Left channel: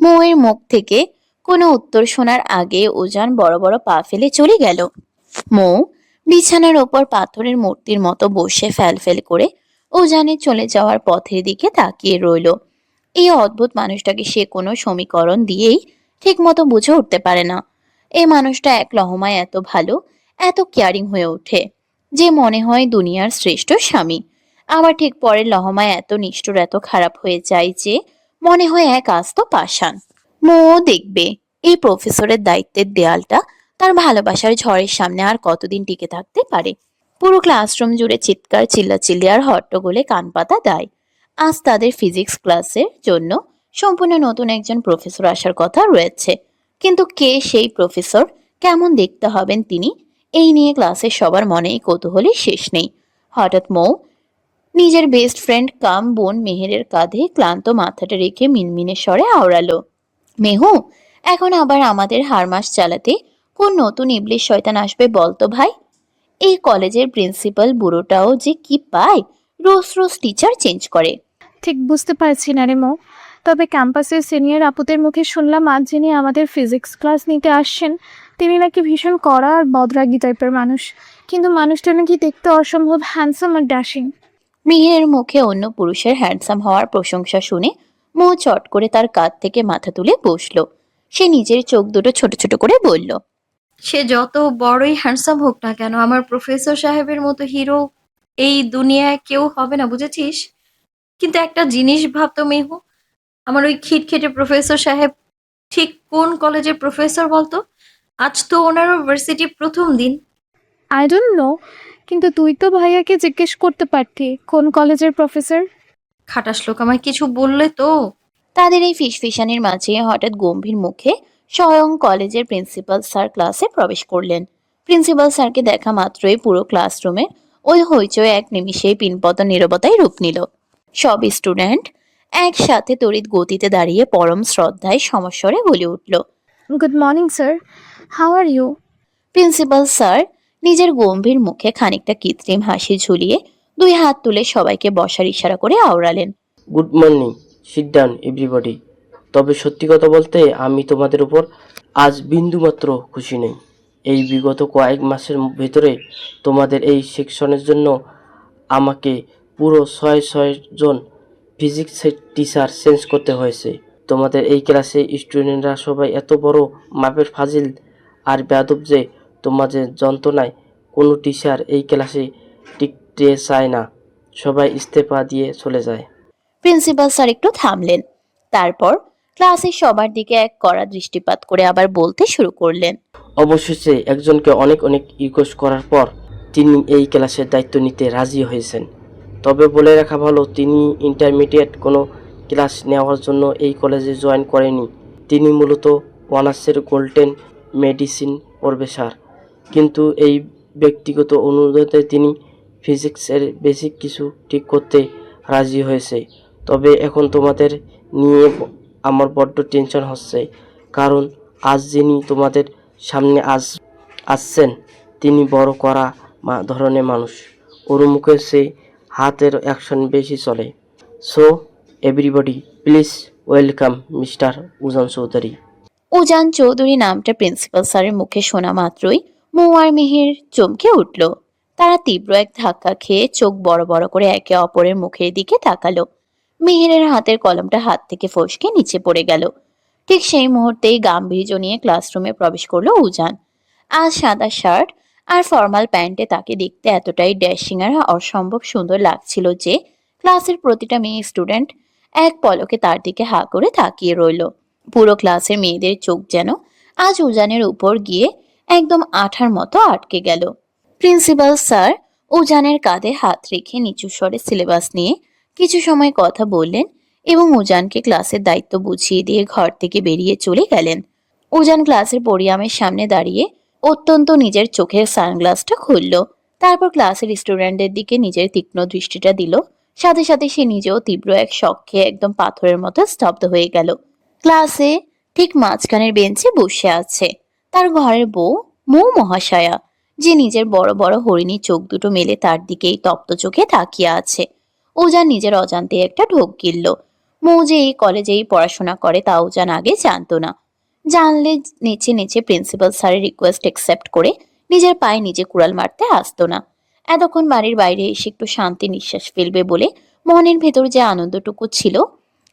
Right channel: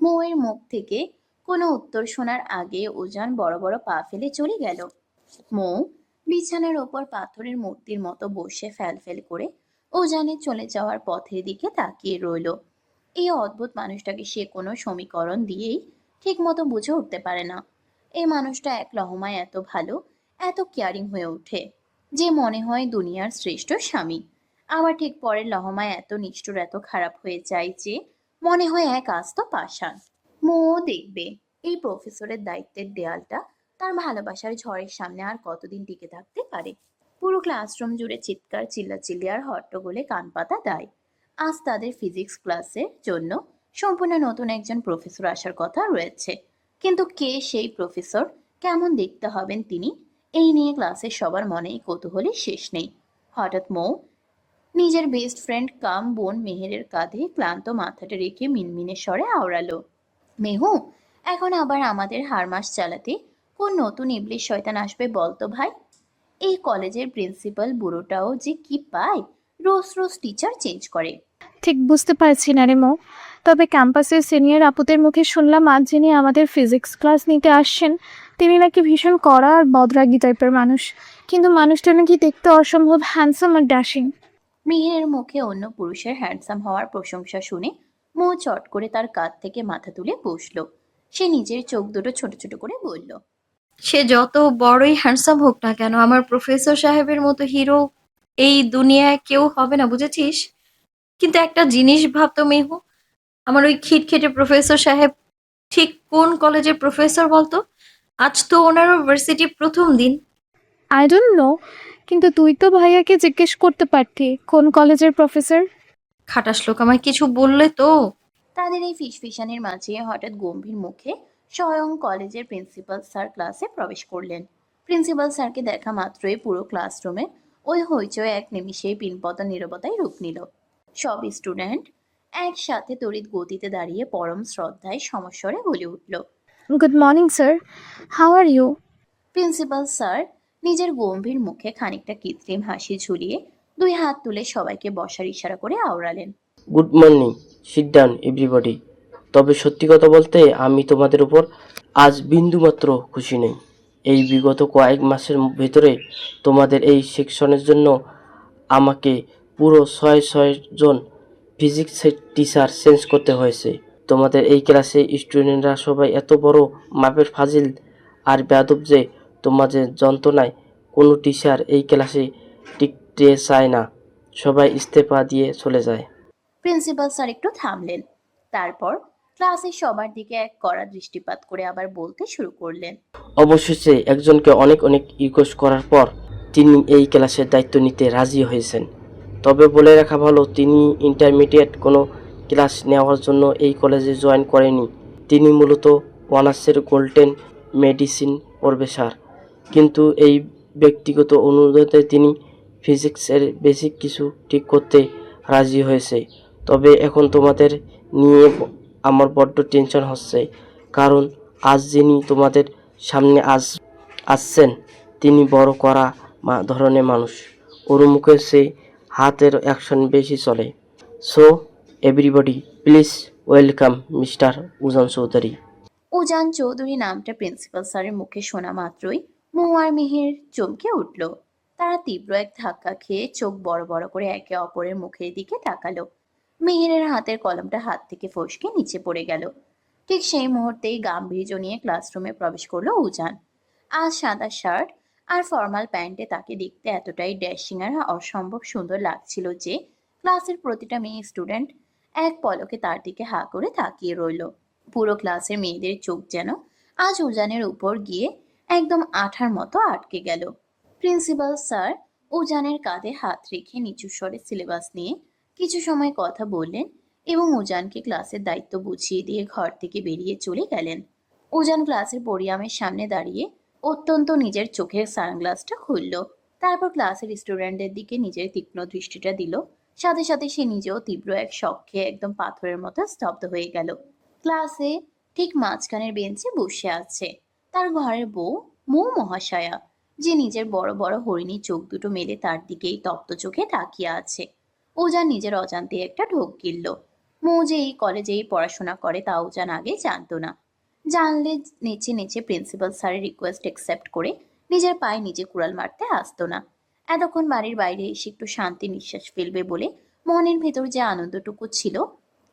মৌয়ের মুখ থেকে কোনো উত্তর শোনার আগে উজান বড় বড় পা ফেলে চলে গেল। মৌ বিছানার ওপর পাথরের মূর্তির মতো বসে ফ্যাল করে উজানের চলে যাওয়ার পথের দিকে তাকিয়ে রইল। এই অদ্ভুত মানুষটাকে সে কোনো সমীকরণ দিয়েই ঠিক মতো বুঝে উঠতে পারে না। এই মানুষটা এক লহমায় এত ভালো, এত কেয়ারিং হয়ে ওঠে যে মনে হয় দুনিয়ার শ্রেষ্ঠ স্বামী। আবার ঠিক পরের লহমায় এত নিষ্ঠুর, এত খারাপ হয়ে যায় যে মনে হয় এক আস্ত পাষাণ। মও দেখবে এই প্রফেসরের দায়িত্বের দেয়ালটা তার ভালোবাসার ঝড়ের সামনে আর কতদিন টিকে থাকতে পারে। পুরো ক্লাসরুম জুড়ে চিৎকার, চিল্লাচিল্লি আর হট্টগোলে কান পাতা দেয়। আজ তাদের ফিজিক্স ক্লাসের জন্য সম্পূর্ণ নতুন একজন প্রফেসর আসার কথা রয়েছে, কিন্তু কে সেই প্রফেসর, কেমন দেখতে হবেন তিনি, এই নিয়ে ক্লাসের সবার মনেই কৌতূহলের শেষ নেই। হঠাৎ মৌ নিজের বেস্ট ফ্রেন্ড কাম বোন মেহেরের কাঁধে ক্লান্ত মাথাটা রেখে মিনমিনে স্বরে আওড়ালো, মেহু, এখন আবার আমাদের হারমাস চালাতে কোন নতুন ইবলিশ শয়তান আসবে বলতো ভাই? এই কলেজের প্রিন্সিপাল বুড়োটাও যে কি পায়, রোজ রোজ টিচার চেঞ্জ করে। ঠিক বুঝতে পারছি না রে মো। তবে ক্যাম্পাসের সিনিয়র আপুদের মুখে শুনলাম আজ যিনি আমাদের ফিজিক্স ক্লাস নিতে আসছেন তিনি নাকি ভীষণ কড়া আর বদরাগী টাইপের মানুষ, কিন্তু মানুষটা নাকি দেখতে অসম্ভব হ্যান্ডসাম আর ড্যাশিং। মিহিরের মুখে অন্য পুরুষের হ্যান্ডসাম হওয়ার প্রশংসা শুনে মৌ চট করে তার কাঁধ থেকে মাথা তুলে বসলো। সে নিজের চোখ দুটো ছোট ছোট করে বলল, সে যত বড়ই হ্যান্ডসাম হোক না কেন, আমার প্রফেসর সাহেবের মতো হিরো এই দুনিয়ায় কেউ হবে না, বুঝেছিস? কিন্তু একটা জিনিস ভাবতো মেহু, আমার ওই খিটখিটে প্রফেসর সাহেব ঠিক কোন কলেজের প্রফেসর বলতো? আজ তো ওনারও ভার্সিটি প্রথম দিন। আই ডোন্ট নো, কিন্তু তুই তো ভাইয়াকে জিজ্ঞেস করতে পারতি কোন কলেজের প্রফেসর। খাটাস লোক, আমায় কিছু বললে তো। তাদের এই ফিসফিসানির মাঝে হঠাৎ গম্ভীর মুখে স্বয়ং কলেজের প্রিন্সিপাল স্যার ক্লাসে প্রবেশ করলেন। প্রিন্সিপাল স্যারকে দেখা মাত্রই পুরো ক্লাসরুমে ওই হইচই এক নিমিষেই পিনপত নীরবতায় রূপ নিল। সব স্টুডেন্ট একসাথে তড়িৎ গতিতে দাঁড়িয়ে পরম শ্রদ্ধায় সমস্বরে বলে উঠল, good morning sir, how are you? Principal sir নিজের গম্ভীর মুখে খানিকটা কৃত্রিম হাসি ঝুলিয়ে দুই হাত তুলে সবাইকে বসার ইশারা করে আওড়ালেন, good morning, sit down everybody. তবে সত্যি কথা বলতে আমি তোমাদের উপর আজ বিন্দুমাত্র খুশি নেই। এই বিগত কয়েক মাসের ভেতরে তোমাদের এই সেকশনের জন্য আমাকে পুরো ছয় জন ফিজিক্সের টিচার চেঞ্জ করতে হয়েছে। তোমাদের এই ক্লাসে স্টুডেন্টরা সবাই এত বড় মাপের ফাজিল আর বেয়াদব যে তোমাদের যন্ত্রণায় কোনো টিচার এই ক্লাসে টিকতে চায় না, সবাই ইস্তেফা দিয়ে চলে যায়। প্রিন্সিপাল স্যার একটু থামলেন, তারপর ক্লাসের সবার দিকে এক কড়া দৃষ্টিপাত করে আবার বলতে শুরু করলেন, অবশেষে একজনকে অনেক রিকোয়েস্ট করার পর তিনি এই ক্লাসের দায়িত্ব নিতে রাজি হয়েছেন। তবে বলে রাখা ভালো, তিনি ইন্টারমিডিয়েট কোনো ক্লাস নেওয়ার জন্য এই কলেজে জয়েন করেনি। তিনি মূলত অনার্সের গোল্ডেন মেডিসিন পড়বে স্যার, কিন্তু এই ব্যক্তিগত অনুরোধে তিনি ফিজিক্সের বেসিক কিছু ঠিক করতে রাজি হয়েছে। তবে এখন তোমাদের নিয়ে আমার বড্ড টেনশন হচ্ছে, কারণ আজ যিনি তোমাদের সামনে আসছেন তিনি বড় কড়া ধরনের মানুষ। ওর মুখে সে হাতের অ্যাকশন বেশি চলে। So everybody please welcome mister Ujan Chowdhury. Ujan Chowdhury নামটা প্রিন্সিপাল স্যারের মুখে শোনা মাত্রই মৌ আর মিহির চমকে উঠল। তারা তীব্র এক ধাক্কা খেয়ে চোখ বড় বড় করে একে অপরের মুখের দিকে তাকালো। মিহিরের হাতের কলমটা হাত থেকে ফসকে নিচে পড়ে গেল। ঠিক সেই মুহূর্তেই গাম্ভীর্য নিয়ে ক্লাসরুমে প্রবেশ করলো উজান। আজ সাদা শার্ট আর ফর্মাল প্যান্টে তাকে দেখতে এতটাই ড্যাশিং আর অসম্ভব সুন্দর লাগছিল যে ক্লাসের প্রতিটা মেয়ে স্টুডেন্ট এক পলকে তার দিকে হা করে তাকিয়ে রইল। পুরো ক্লাসের মেয়েদের চোখ যেন আজ উজানের উপর গিয়ে একদম আঠার মতো আটকে গেল। প্রিন্সিপাল স্যার উজানের কাঁধে হাত রেখে নিচু স্বরে সিলেবাস নিয়ে কিছু সময় কথা বললেন এবং উজানকে ক্লাসের দায়িত্ব বুঝিয়ে দিয়ে ঘর থেকে বেরিয়ে চলে গেলেন। উজান ক্লাসের পডিয়ামের সামনে দাঁড়িয়ে অত্যন্ত নিজের চোখের সানগ্লাসটা খুলল, তারপর ক্লাসের স্টুডেন্টদের দিকে নিজের তীক্ষ্ণ দৃষ্টিটা দিল। সাথে সাথে সে নিজেও তীব্র এক শক খেয়ে একদম পাথরের মতো স্তব্ধ হয়ে গেল। ক্লাসে ঠিক মাঝখানের বেঞ্চে বসে আছে তার ঘরের বউ মৌ মহাশয়া। যে নিজের বড় বড় হরিণী চোখ দুটো মেলে তার দিকেই তপ্ত চোখে তাকিয়ে আছে। উজান নিজের অজান্তে একটা ঢোক গিলল। মৌ যে এই কলেজেই পড়াশোনা করে তা উজান আগে জানতো না। জানলে নেচে নেচে প্রিন্সিপাল স্যারের রিকোয়েস্ট একসেপ্ট করে নিজের পায়ে নিজে কুড়াল মারতে আসতো না। এতক্ষণ বাড়ির বাইরে এসে একটু শান্তি নিঃশ্বাস ফেলবে বলে মনের ভেতর যে আনন্দটুকু ছিল,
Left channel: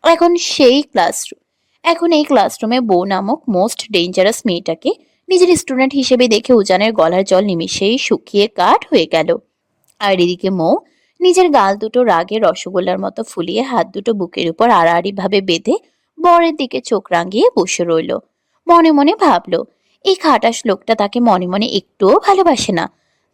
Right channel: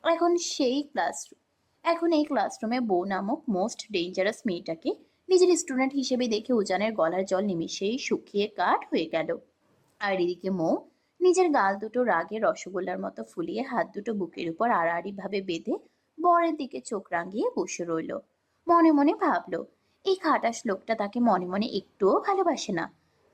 এখন সেই ক্লাসরুম এখন এই ক্লাসরুমে বউ নামক মোস্ট ডেঞ্জারাস মেয়েটাকে নিজের স্টুডেন্ট হিসেবে দেখে উজানের গলার জল নিমিষেই শুকিয়ে কাঠ হয়ে গেল। আর এদিকে মৌ নিজের গাল দুটো রাগে রসগোল্লার মতো ফুলিয়ে হাত দুটো বুকের উপর আড়াআড়ি ভাবে বেঁধে বরের দিকে চোখ রাঙিয়ে বসে রইল। মনে মনে ভাবলো, এই খাটাস লোকটা তাকে মনে মনে একটুও ভালোবাসে না,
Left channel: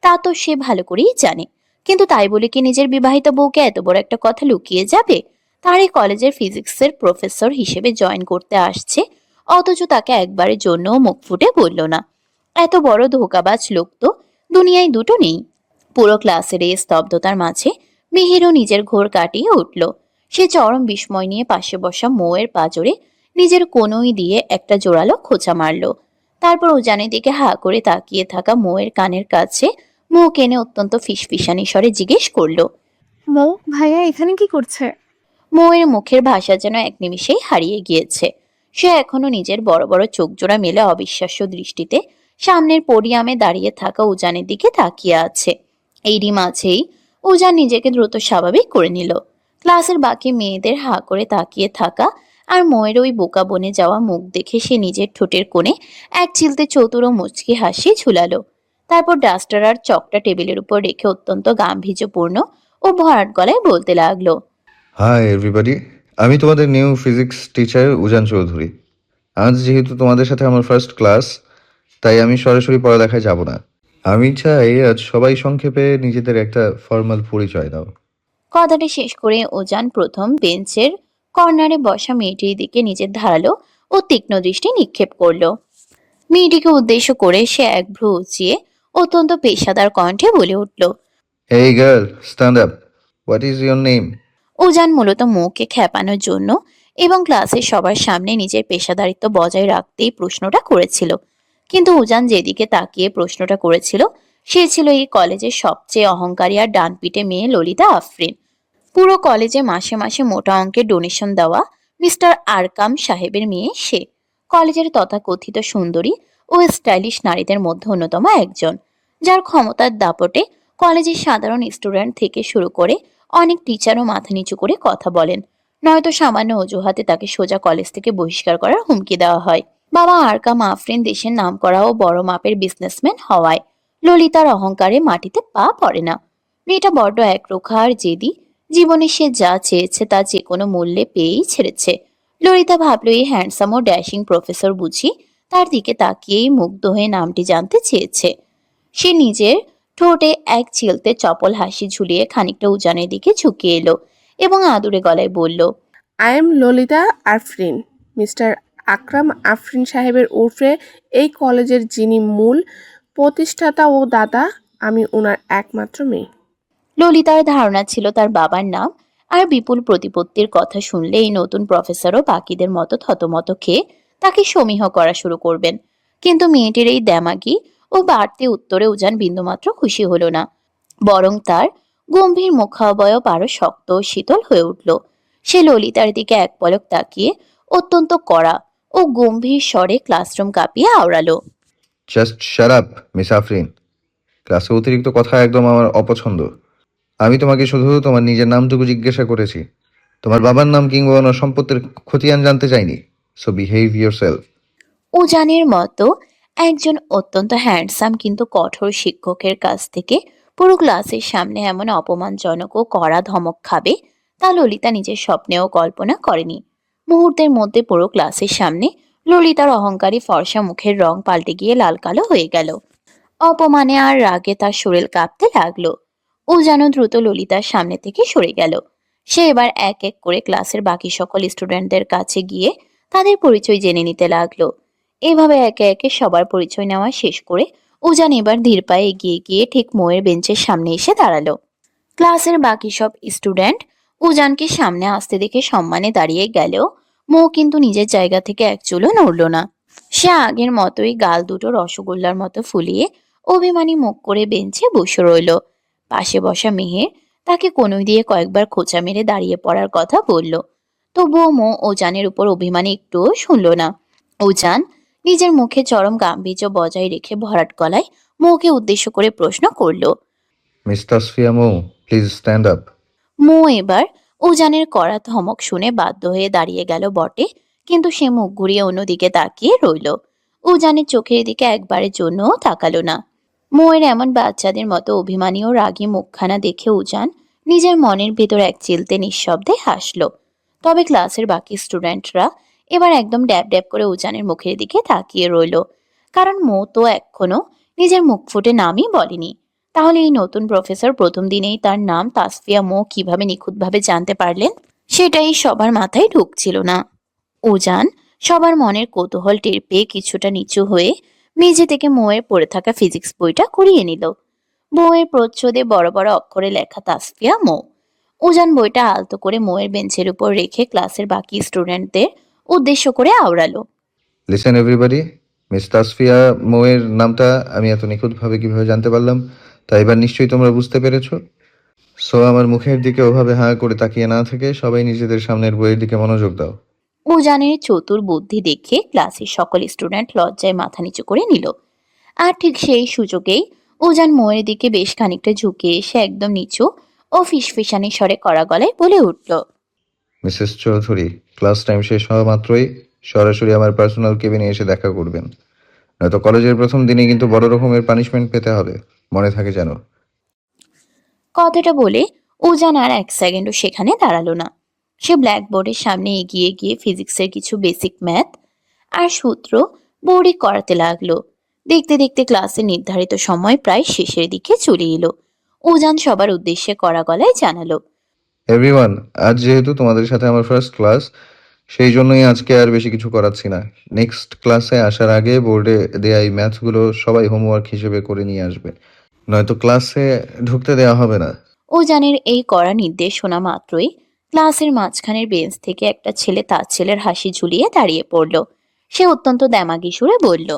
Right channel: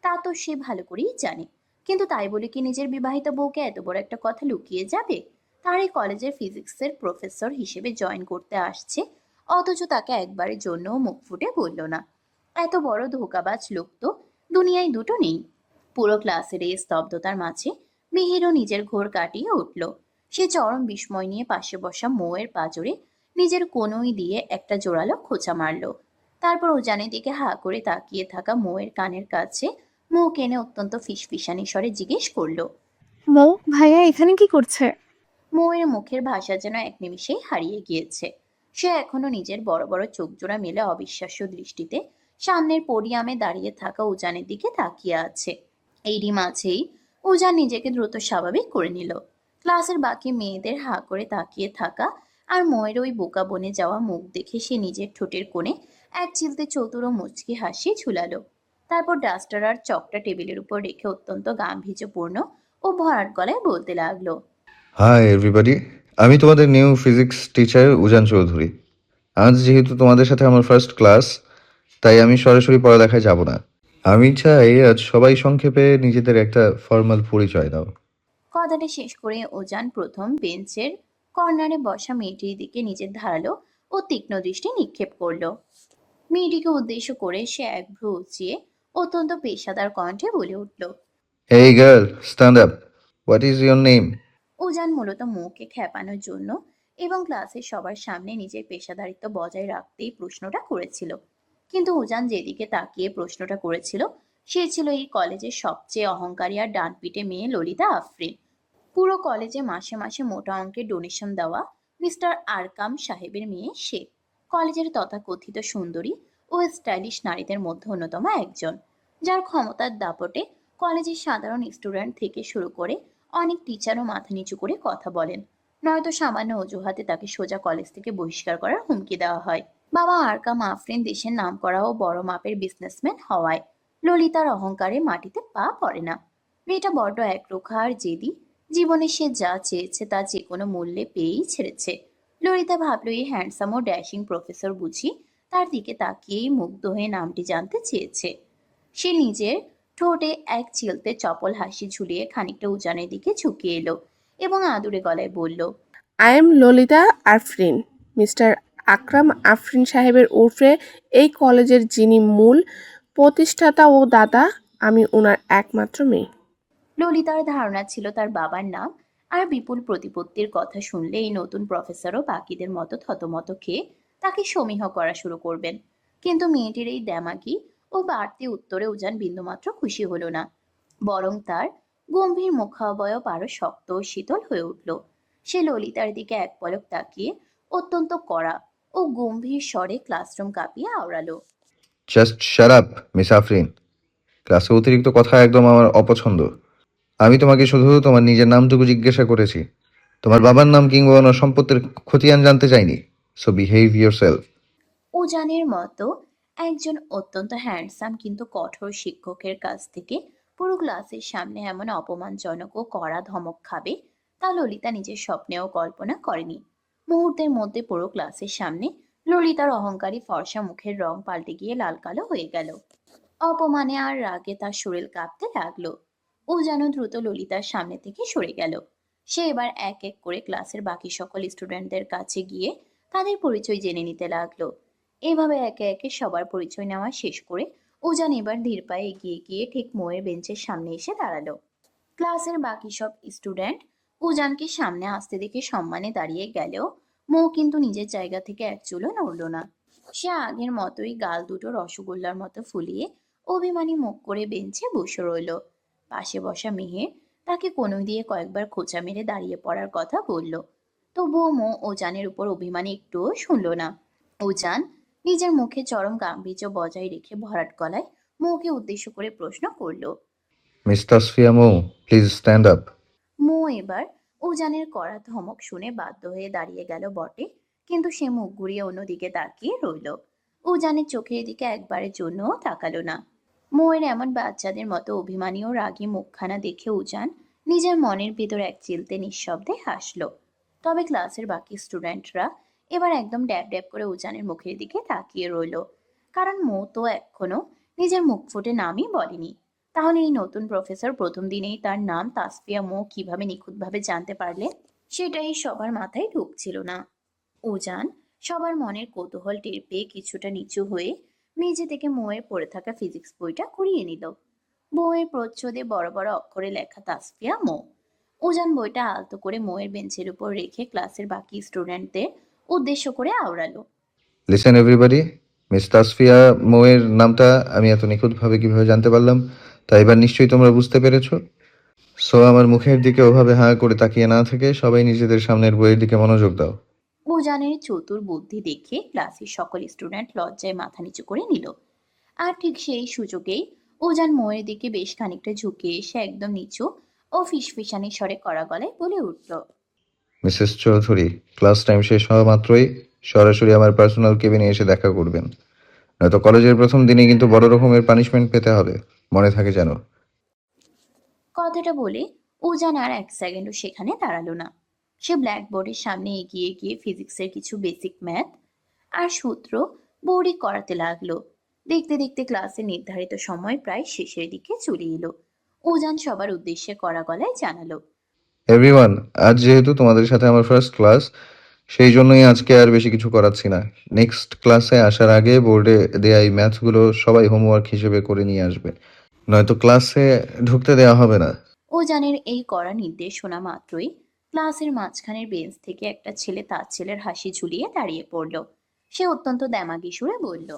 তা তো সে ভালো করেই জানে। কিন্তু তাই বলে কি নিজের বিবাহিত বউকে এত বড় একটা কথা লুকিয়ে যাবে? তার এই কলেজের ফিজিক্সের প্রফেসর হিসেবে জয়েন করতে আসছে, অথচ তাকে একবারের জন্যও মুখ ফুটে বলল না। এত বড় ধোঁকাবাজ লোক তো দুনিয়ায় দুটো নেই। পুরো ক্লাসের এই স্তব্ধতার মাঝে মিহিরও নিজের ঘোর কাটিয়ে উঠল। সে চরম বিস্ময় নিয়ে পাশে বসা মৌয়ের পাঁজরে নিজের কনুই দিয়ে একটা জোরালো খোঁচা মারল। তারপর উজানের দিকে হা করে তাকিয়ে থাকা মৌয়ের কানের কাছে মুখ এনে অত্যন্ত ফিসফিসানি স্বরে জিজ্ঞেস করলো। মৌ ভাইয়া এখানে কি করছে? মৌয়ের মুখের ভাষা যেন এক নিমিষেই হারিয়ে গিয়েছে। সে এখনো নিজের বড় বড় চোখ জোড়া মেলে অবিশ্বাস্য দৃষ্টিতে সামনের পোডিয়ামে দাঁড়িয়ে থাকা উজানের দিকে তাকিয়ে আছে। এরই মাঝেই উজান নিজেকে দ্রুত স্বাভাবিক করে নিল। ক্লাসের বাকি মেয়েদের হা করে তাকিয়ে থাকা আর ময়ের ওই বোকা বনে যাওয়া মুখ দেখে সে নিজের ঠোঁটের কোণে এক চিলতে চতুর ও মুচকি হাসি ঝুলালো। তারপর ডাস্টার আর চকটা টেবিলের উপর রেখে অত্যন্ত গাম্ভীর্যপূর্ণ ও ভরাট গলায় বলতে লাগলো। হাই এভরিবডি, আমি তোমাদের নিউ ফিজিক্স টিচার উজান চৌধুরী। আজ যেহেতু তোমাদের সাথে আমার ফার্স্ট ক্লাস, তাই আমি সরাসরি পড়ালেখায় যাব না। আমি চাই আজ সবাই সংক্ষেপে নিজেদের একটা ফর্মাল পরিচয় দাও। কথাটি শেষ করে উজান প্রথম বেঞ্চের কর্নারে বসা মেয়েটির দিকে নিজের ধারালো ও তীক্ষ্ণ দৃষ্টি নিক্ষেপ করলো। মেয়েটিকে উদ্দেশ্য করে সে এক ভ্রু উঁচিয়ে অত্যন্ত পেশাদার কণ্ঠে বলে উঠল। এই girl, stand up. What is your name? Ujan মূলত মুখকে খেপানোর জন্য এবং ক্লাসের সবার সামনে নিজের পেশাদারিত্ব বজায় রাখতেই প্রশ্নটা করেছিল। কিন্তু উজান যেদিকে তাকিয়ে প্রশ্নটা করেছিল সে ছিল এই কলেজের সবচেয়ে অহংকারী আর ডানপিটে মেয়ে ললিতা আফরিন। পুরো কলেজে মাসে মাসে মোটা অঙ্কের ডোনেশন দেওয়া মিস্টার আরকাম সাহেবের মেয়ে সে। কলেজের তথাকথিত সুন্দরী ও স্টাইলিশ নারীদের মধ্যে অন্যতম একজন, যার ক্ষমতার দাপটে কলেজের সাধারণ স্টুডেন্ট থেকে শুরু করে অনেক টিচারও মাথা নিচু করে কথা বলেন, নয়তো সামান্য অজুহাতে তাকে সোজা কলেজ থেকে বহিষ্কার করার হুমকি দেওয়া হয়। বাবা আরকাম আফরিন দেশের নামকরা ও বড় মাপের বিজনেসম্যান হওয়ায় ললিতার অহংকারে মাটিতে পা পড়ে না। মেয়েটা বড্ড একরোখা আর জেদি। জীবনে সে যা চেয়েছে তা যে কোনো মূল্যে পেয়েই ছেড়েছে। ললিতা ভাবল এই হ্যান্ডসাম ও ড্যাশিং প্রফেসর বুঝি তার দিকে তাকিয়েই মুগ্ধ হয়ে নামটি জানতে চেয়েছে। সে নিজের ঠোঁটে এক চিলতে চপল হাসি ঝুলিয়ে খানিকটা উজানের দিকে ঝুঁকে এলো এবং আদুরে গলায় বলল। I am Lalita Afrin, mister Akram Afrin সাহেবের ওরফে এই কলেজের যিনি মূল প্রতিষ্ঠাতা ও দাতা, আমি ওনার একমাত্র মেয়ে। ললিতার ধারণা ছিল তার বাবার নাম আর বিপুল প্রতিপত্তির কথা শুনলে এই নতুন প্রফেসরও বাকিদের মতো থতমত খেয়ে তাকে সমীহ করা শুরু করবেন। কিন্তু মেয়েটির এই দ্যামাগি ও বাড়তি উত্তরে উজান বিন্দুমাত্র খুশি হলো না, বরং তার গম্ভীর মুখাবয়ব আরো শক্ত ও শীতল হয়ে উঠল। সে ললিতার দিকে এক পলক তাকিয়ে অত্যন্ত কড়া ও গম্ভীর স্বরে ক্লাসরুম কাঁপিয়ে আওড়ালো। Just shut up miss Afrin. ক্লাসে অতিরিক্ত কথা একদম আমার অপছন্দ। আমি তোমাকে শুধু তোমার নিজের নামটুকু জিজ্ঞাসা করেছি। তোমার বাবার নাম কিংবা ওনার সম্পত্তির খতিয়ান জানতে চাইনি। So behave yourself. উজানের মতো একজন অত্যন্ত হ্যান্ডসাম কিন্তু কঠোর শিক্ষকের কাছ থেকে পুরো ক্লাসের সামনে এমন অপমানজনক ও কড়া ধমক খাবে তা ললিতা নিজের স্বপ্নেও কল্পনা করেনি। মুহূর্তের মধ্যে পুরো ক্লাসের সামনে ললিতার অহংকারী ফর্সা মুখের রং পাল্টে গিয়ে লাল কালো হয়ে গেল। অপমানে আর রাগে তার শরীর কাঁপতে লাগলো। উজানও দ্রুত ললিতার সামনে থেকে সরে গেল। সে এবার এক এক করে ক্লাসের বাকি সকল স্টুডেন্টদের কাছে গিয়ে তাদের পরিচয় জেনে নিতে লাগলো। এভাবে একে একে সবার পরিচয় নেওয়া শেষ করে উজান এবার ধীর পায়ে এগিয়ে গিয়ে ঠিক মোয়ের বেঞ্চের সামনে এসে দাঁড়ালো। ক্লাসের বাকি সব স্টুডেন্ট উজানকে সামনে আসতে দেখে সম্মানে দাঁড়িয়ে গেলেও মৌ কিন্তু নিজের জায়গা থেকে এক চুলও নড়ল না। সে আগের মতোই গাল দুটো রসগোল্লার মতো ফুলিয়ে অভিমানী মুখ করে বেঞ্চে বসে রইল। পাশে বসা মেহের তাকে কনুই দিয়ে কয়েকবার খোঁচা মেরে দাঁড়িয়ে পড়ার কথা বলল। তবুও মো ওজানের উপর অভিমানী একটুও শুনল না। ওজান নিজের মুখে চরম গাম্ভীর্য বজায় রেখে ভরাট গলায় মোকে উদ্দেশ্য করে প্রশ্ন করল। Miss Tasfia Mou, please stand up. মো এবার উজানের কড়া ধমক শুনে বাধ্য হয়ে দাঁড়িয়ে গেল বটে, কিন্তু সে মুখ ঘুরিয়ে অন্যদিকে তাকিয়ে রইল। উজানের চোখের দিকে একবারের জন্যও তাকালো না। মোয়ের এমন বাচ্চাদের মতো অভিমানী ও রাগী মুখখানা দেখে উজান নিজের মনের ভেতর এক চিলতে নিঃশব্দে হাসলো। তবে ক্লাসের বাকি স্টুডেন্টরা এবার একদম ড্যাব ড্যাব করে উজানের মুখের দিকে তাকিয়ে রইল, কারণ মো তো এখনো নিজের মুখ ফুটে নামই বলেনি। তাহলে এই নতুন প্রফেসর প্রথম দিনেই তার নাম তাসফিয়া মো কিভাবে নিখুঁতভাবে জানতে পারলেন, সেটাই সবার মাথায় ঢুকছিল না। উজান সবার মনের কৌতূহল টের পেয়ে কিছুটা নিচু হয়ে মেঝে থেকে মোয়ের পড়ে থাকা ফিজিক্স বইটা কুড়িয়ে নিল। বইয়ের প্রচ্ছদে বড় বড় অক্ষরে লেখা তাসফিয়া মো। উজান বইটা আলতো করে মোয়ের বেঞ্চের উপর রেখে ক্লাসের বাকি স্টুডেন্টদের উদ্দেশ্য করে আওড়ালো। লিসেন এভরিবডি, মিস তাসফিয়া মৌয়ের নামটা আমি এত নিখুঁতভাবে কিভাবে জানতে পারলাম তা এবার নিশ্চয়ই তোমরা বুঝতে পেরেছো। সো আমার মুখের দিকে ওভাবে হাঁ করে তাকিয়ে না থেকে সবাই নিজেদের সামনের বইয়ের দিকে মনোযোগ দাও। উজানের চতুর বুদ্ধি দেখে ক্লাসের সকল স্টুডেন্ট লজ্জায় মাথা নিচু করে নিল। আর ঠিক সেই সুযোগেই উজান মোয়ের দিকে বেশ খানিকটা ঝুঁকে এসে একদম নিচু ও ফিসফিসানি স্বরে কড়া গলায় বলে উঠল। মিসেস চৌধুরী, ক্লাস টাইম শেষ হওয়া মাত্রই সরাসরি আমার পার্সোনাল কেবিনে এসে দেখা করবেন, নয়তো কলেজের প্রথম দিনে কিন্তু বড় রকমের পানিশমেন্ট পেতে হবে, মনে থাকে যেন। কথাটা বলে উজান আর এক সেকেন্ডও সেখানে দাঁড়ালো না। সে ব্ল্যাকবোর্ডের সামনে এগিয়ে গিয়ে ফিজিক্সের কিছু বেসিক ম্যাথ আর সূত্র বোর্ডে করাতে লাগলো। দেখতে দেখতে ক্লাসের নির্ধারিত সময় প্রায় শেষের দিকে চলে এলো। উজান সবার উদ্দেশ্যে কড়া গলায় জানালো। এভরিওয়ান, আজ যেহেতু তোমাদের সাথে আমার ফার্স্ট ক্লাস, সেই জন্যই আজকে আর বেশি কিছু করাচ্ছি না। নেক্সট ক্লাসে আসার আগে বোর্ডে দেয়া এই ম্যাথগুলো সবাই হোমওয়ার্ক হিসেবে করে নিয়ে আসবে, নয়তো ক্লাসে ঢুকতে দেওয়া হবে না। উজানের এই কড়া নির্দেশ শোনা মাত্রই ক্লাসের মাঝখানের বেঞ্চ থেকে একটা ছেলে তার ছেলের হাসি ঝুলিয়ে দাঁড়িয়ে পড়ল। সে অত্যন্ত দ্যামাগি সুরে বলল।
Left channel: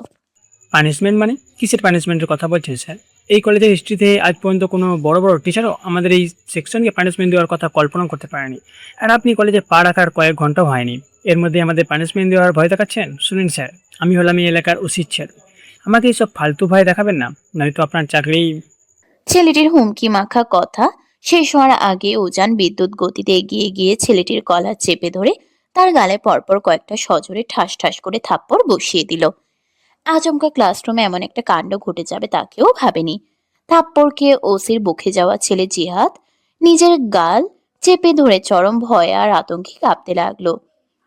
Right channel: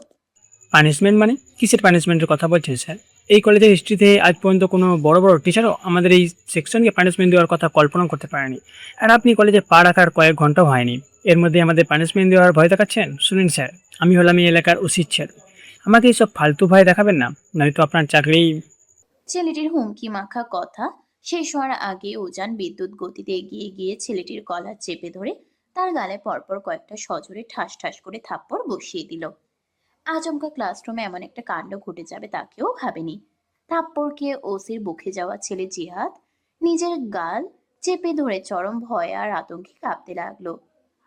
পানিশমেন্ট মানে কিসের পানিশমেন্টের কথা বলছেন স্যার? এই কলেজের হিস্ট্রিতে আজ পর্যন্ত কোনো বড় বড় টিচারও আমাদের এই সেকশনকে পানিশমেন্ট দেওয়ার কথা কল্পনা করতে পারেনি। আর আপনি কলেজে পা রাখার কয়েক ঘন্টাও হয়নি, এর মধ্যে আমাদের পানিশমেন্ট দেওয়ার ভয় দেখাচ্ছেন? শুনুন স্যার, আমি হলাম এই এলাকার উচিত স্যার, আমাকে এইসব ফালতু ভয় দেখাবেন না, নয়তো আপনার চাকরি। ছেলেটির হুমকি মাখা কথা শেষ হওয়ার আগে উজান বিদ্যুৎ গতিতে এগিয়ে গিয়ে ছেলেটির গলা চেপে ধরে তার গালে পরপর কয়েকটা সজোরে ঠাস ঠাস করে থাপ্পড় বসিয়ে দিল। আচমকা ক্লাসরুমে এমন একটা কাণ্ড ঘটে যাবে তাকেও ভাবেনি। থাপ্পড় খেয়ে ওসির বুকে যাওয়া ছেলে জিহাদ নিজের গাল চেপে ধরে চরম ভয়ে আর আতঙ্কে কাঁপতে লাগলো।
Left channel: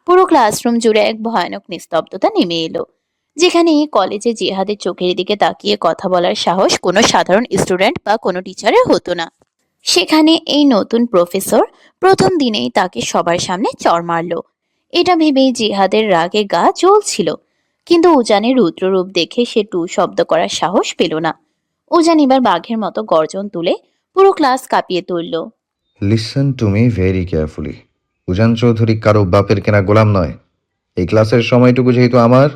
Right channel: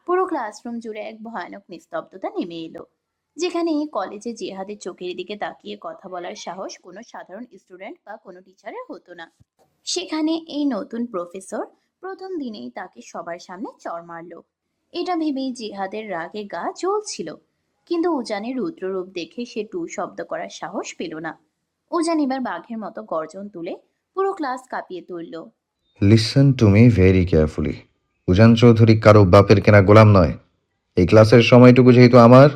পুরো ক্লাসরুম জুড়ে এক ভয়ানক নিস্তব্ধতা নেমে এলো, যেখানে এই কলেজে জিহাদের চোখের দিকে তাকিয়ে কথা বলার সাহস কোনো সাধারণ স্টুডেন্ট বা কোনো টিচারের হতো না। সেখানে এই নতুন প্রফেসর প্রথম দিনেই তাকে সবার সামনে চড় মারলো। এটা ভেবেই জিহাদের রাগে গা জ্বলছিল, কিন্তু উজানের রুদ্ররূপ দেখে সে টু শব্দ করার সাহস পেল না। উজান এবার বাঘের মতো গর্জন তুলে পুরো ক্লাস কাঁপিয়ে তুলল। Listen to me very carefully. Ujan Chowdhury কারো বাপের কেনা গোলাম নয়। এই ক্লাসের সময়টুকু যেহেতু আমার,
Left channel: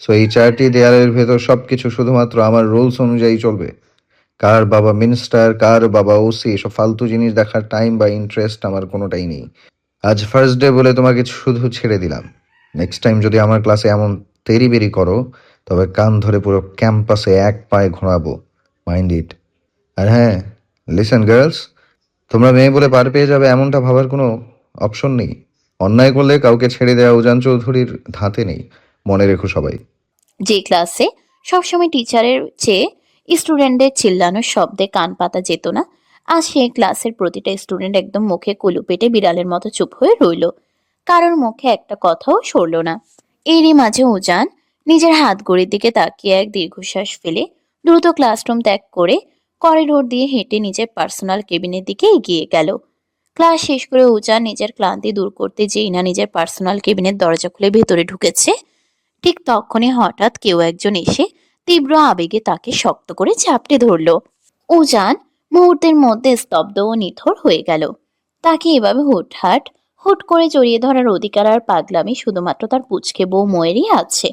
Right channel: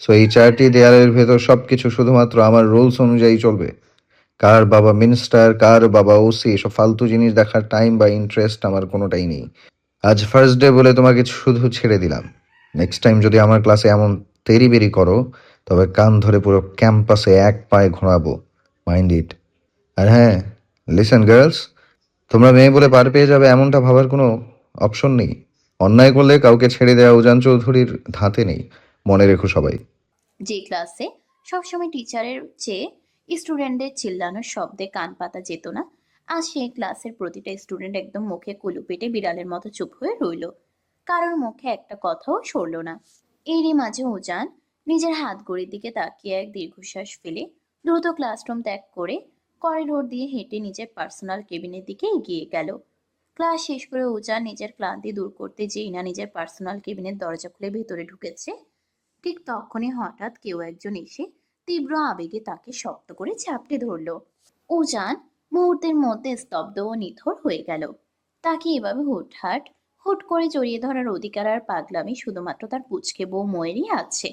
সো এই 4টি দেয়ালের ভেতর সবকিছু শুধুমাত্র আমার রুলস অনুযায়ী চলবে। কার বাবা মিনিস্টার, কার বাবা ওসি, এসব ফালতু জিনিস দেখার টাইম বা ইন্টারেস্ট আমার কোনোটাই নেই। আজ ফার্স্ট ডে বলে তোমাকে শুধু ছেড়ে দিলাম। নেক্সট টাইম যদি আমার ক্লাসে এমন তেরিবেরি করো, তবে কান ধরে পুরো ক্যাম্পাসে এক পায়ে ঘোরাবো, মাইন্ড ইট। আর হ্যাঁ, লিসেন গার্লস, তোমরা মেয়ে বলে পার পেয়ে যাবে এমনটা ভাবার কোনো অপশন নেই। অন্যায় করলে কাউকে ছেড়ে দেওয়া উজান চৌধুরীর ধাতে নেই, মনে রেখো সবাই। যে ক্লাসে সবসময় টিচারের চেয়ে স্টুডেন্টদের চিল্লানোর শব্দে কান পাতা যেত না, আজ সেই ক্লাসের প্রতিটা স্টুডেন্ট একদম মুখে কুলু পেটে বিড়ালের মতো চুপ হয়ে রইল। কারোর মুখে একটা কথাও সরল না। এরই মাঝে উজান নিজের হাত ঘড়ির দিকে তাকিয়ে এক দীর্ঘশ্বাস ফেলে দ্রুত ক্লাসরুম ত্যাগ করে করিডোর দিয়ে হেঁটে নিজের পার্সোনাল কেবিনের দিকে এগিয়ে গেল। ক্লাস শেষ করে উজান নিজের ক্লান্তি দূর করতে যেই না নিজের পার্সোনাল কেবিনের দরজা খুলে ভেতরে ঢুকেছে, ঠিক তখনই হঠাৎ কেউ একজন এসে তীব্র আবেগে তাকে শক্ত করে চাপটে ধরল। উজান মুহূর্তের মধ্যে স্তব্ধ ও নিথর হয়ে গেল। তাকে এভাবে হুট করে জড়িয়ে ধরার অধিকার আর পাগলামি শুধুমাত্র তার পুচকে বউ মোয়েরই আছে।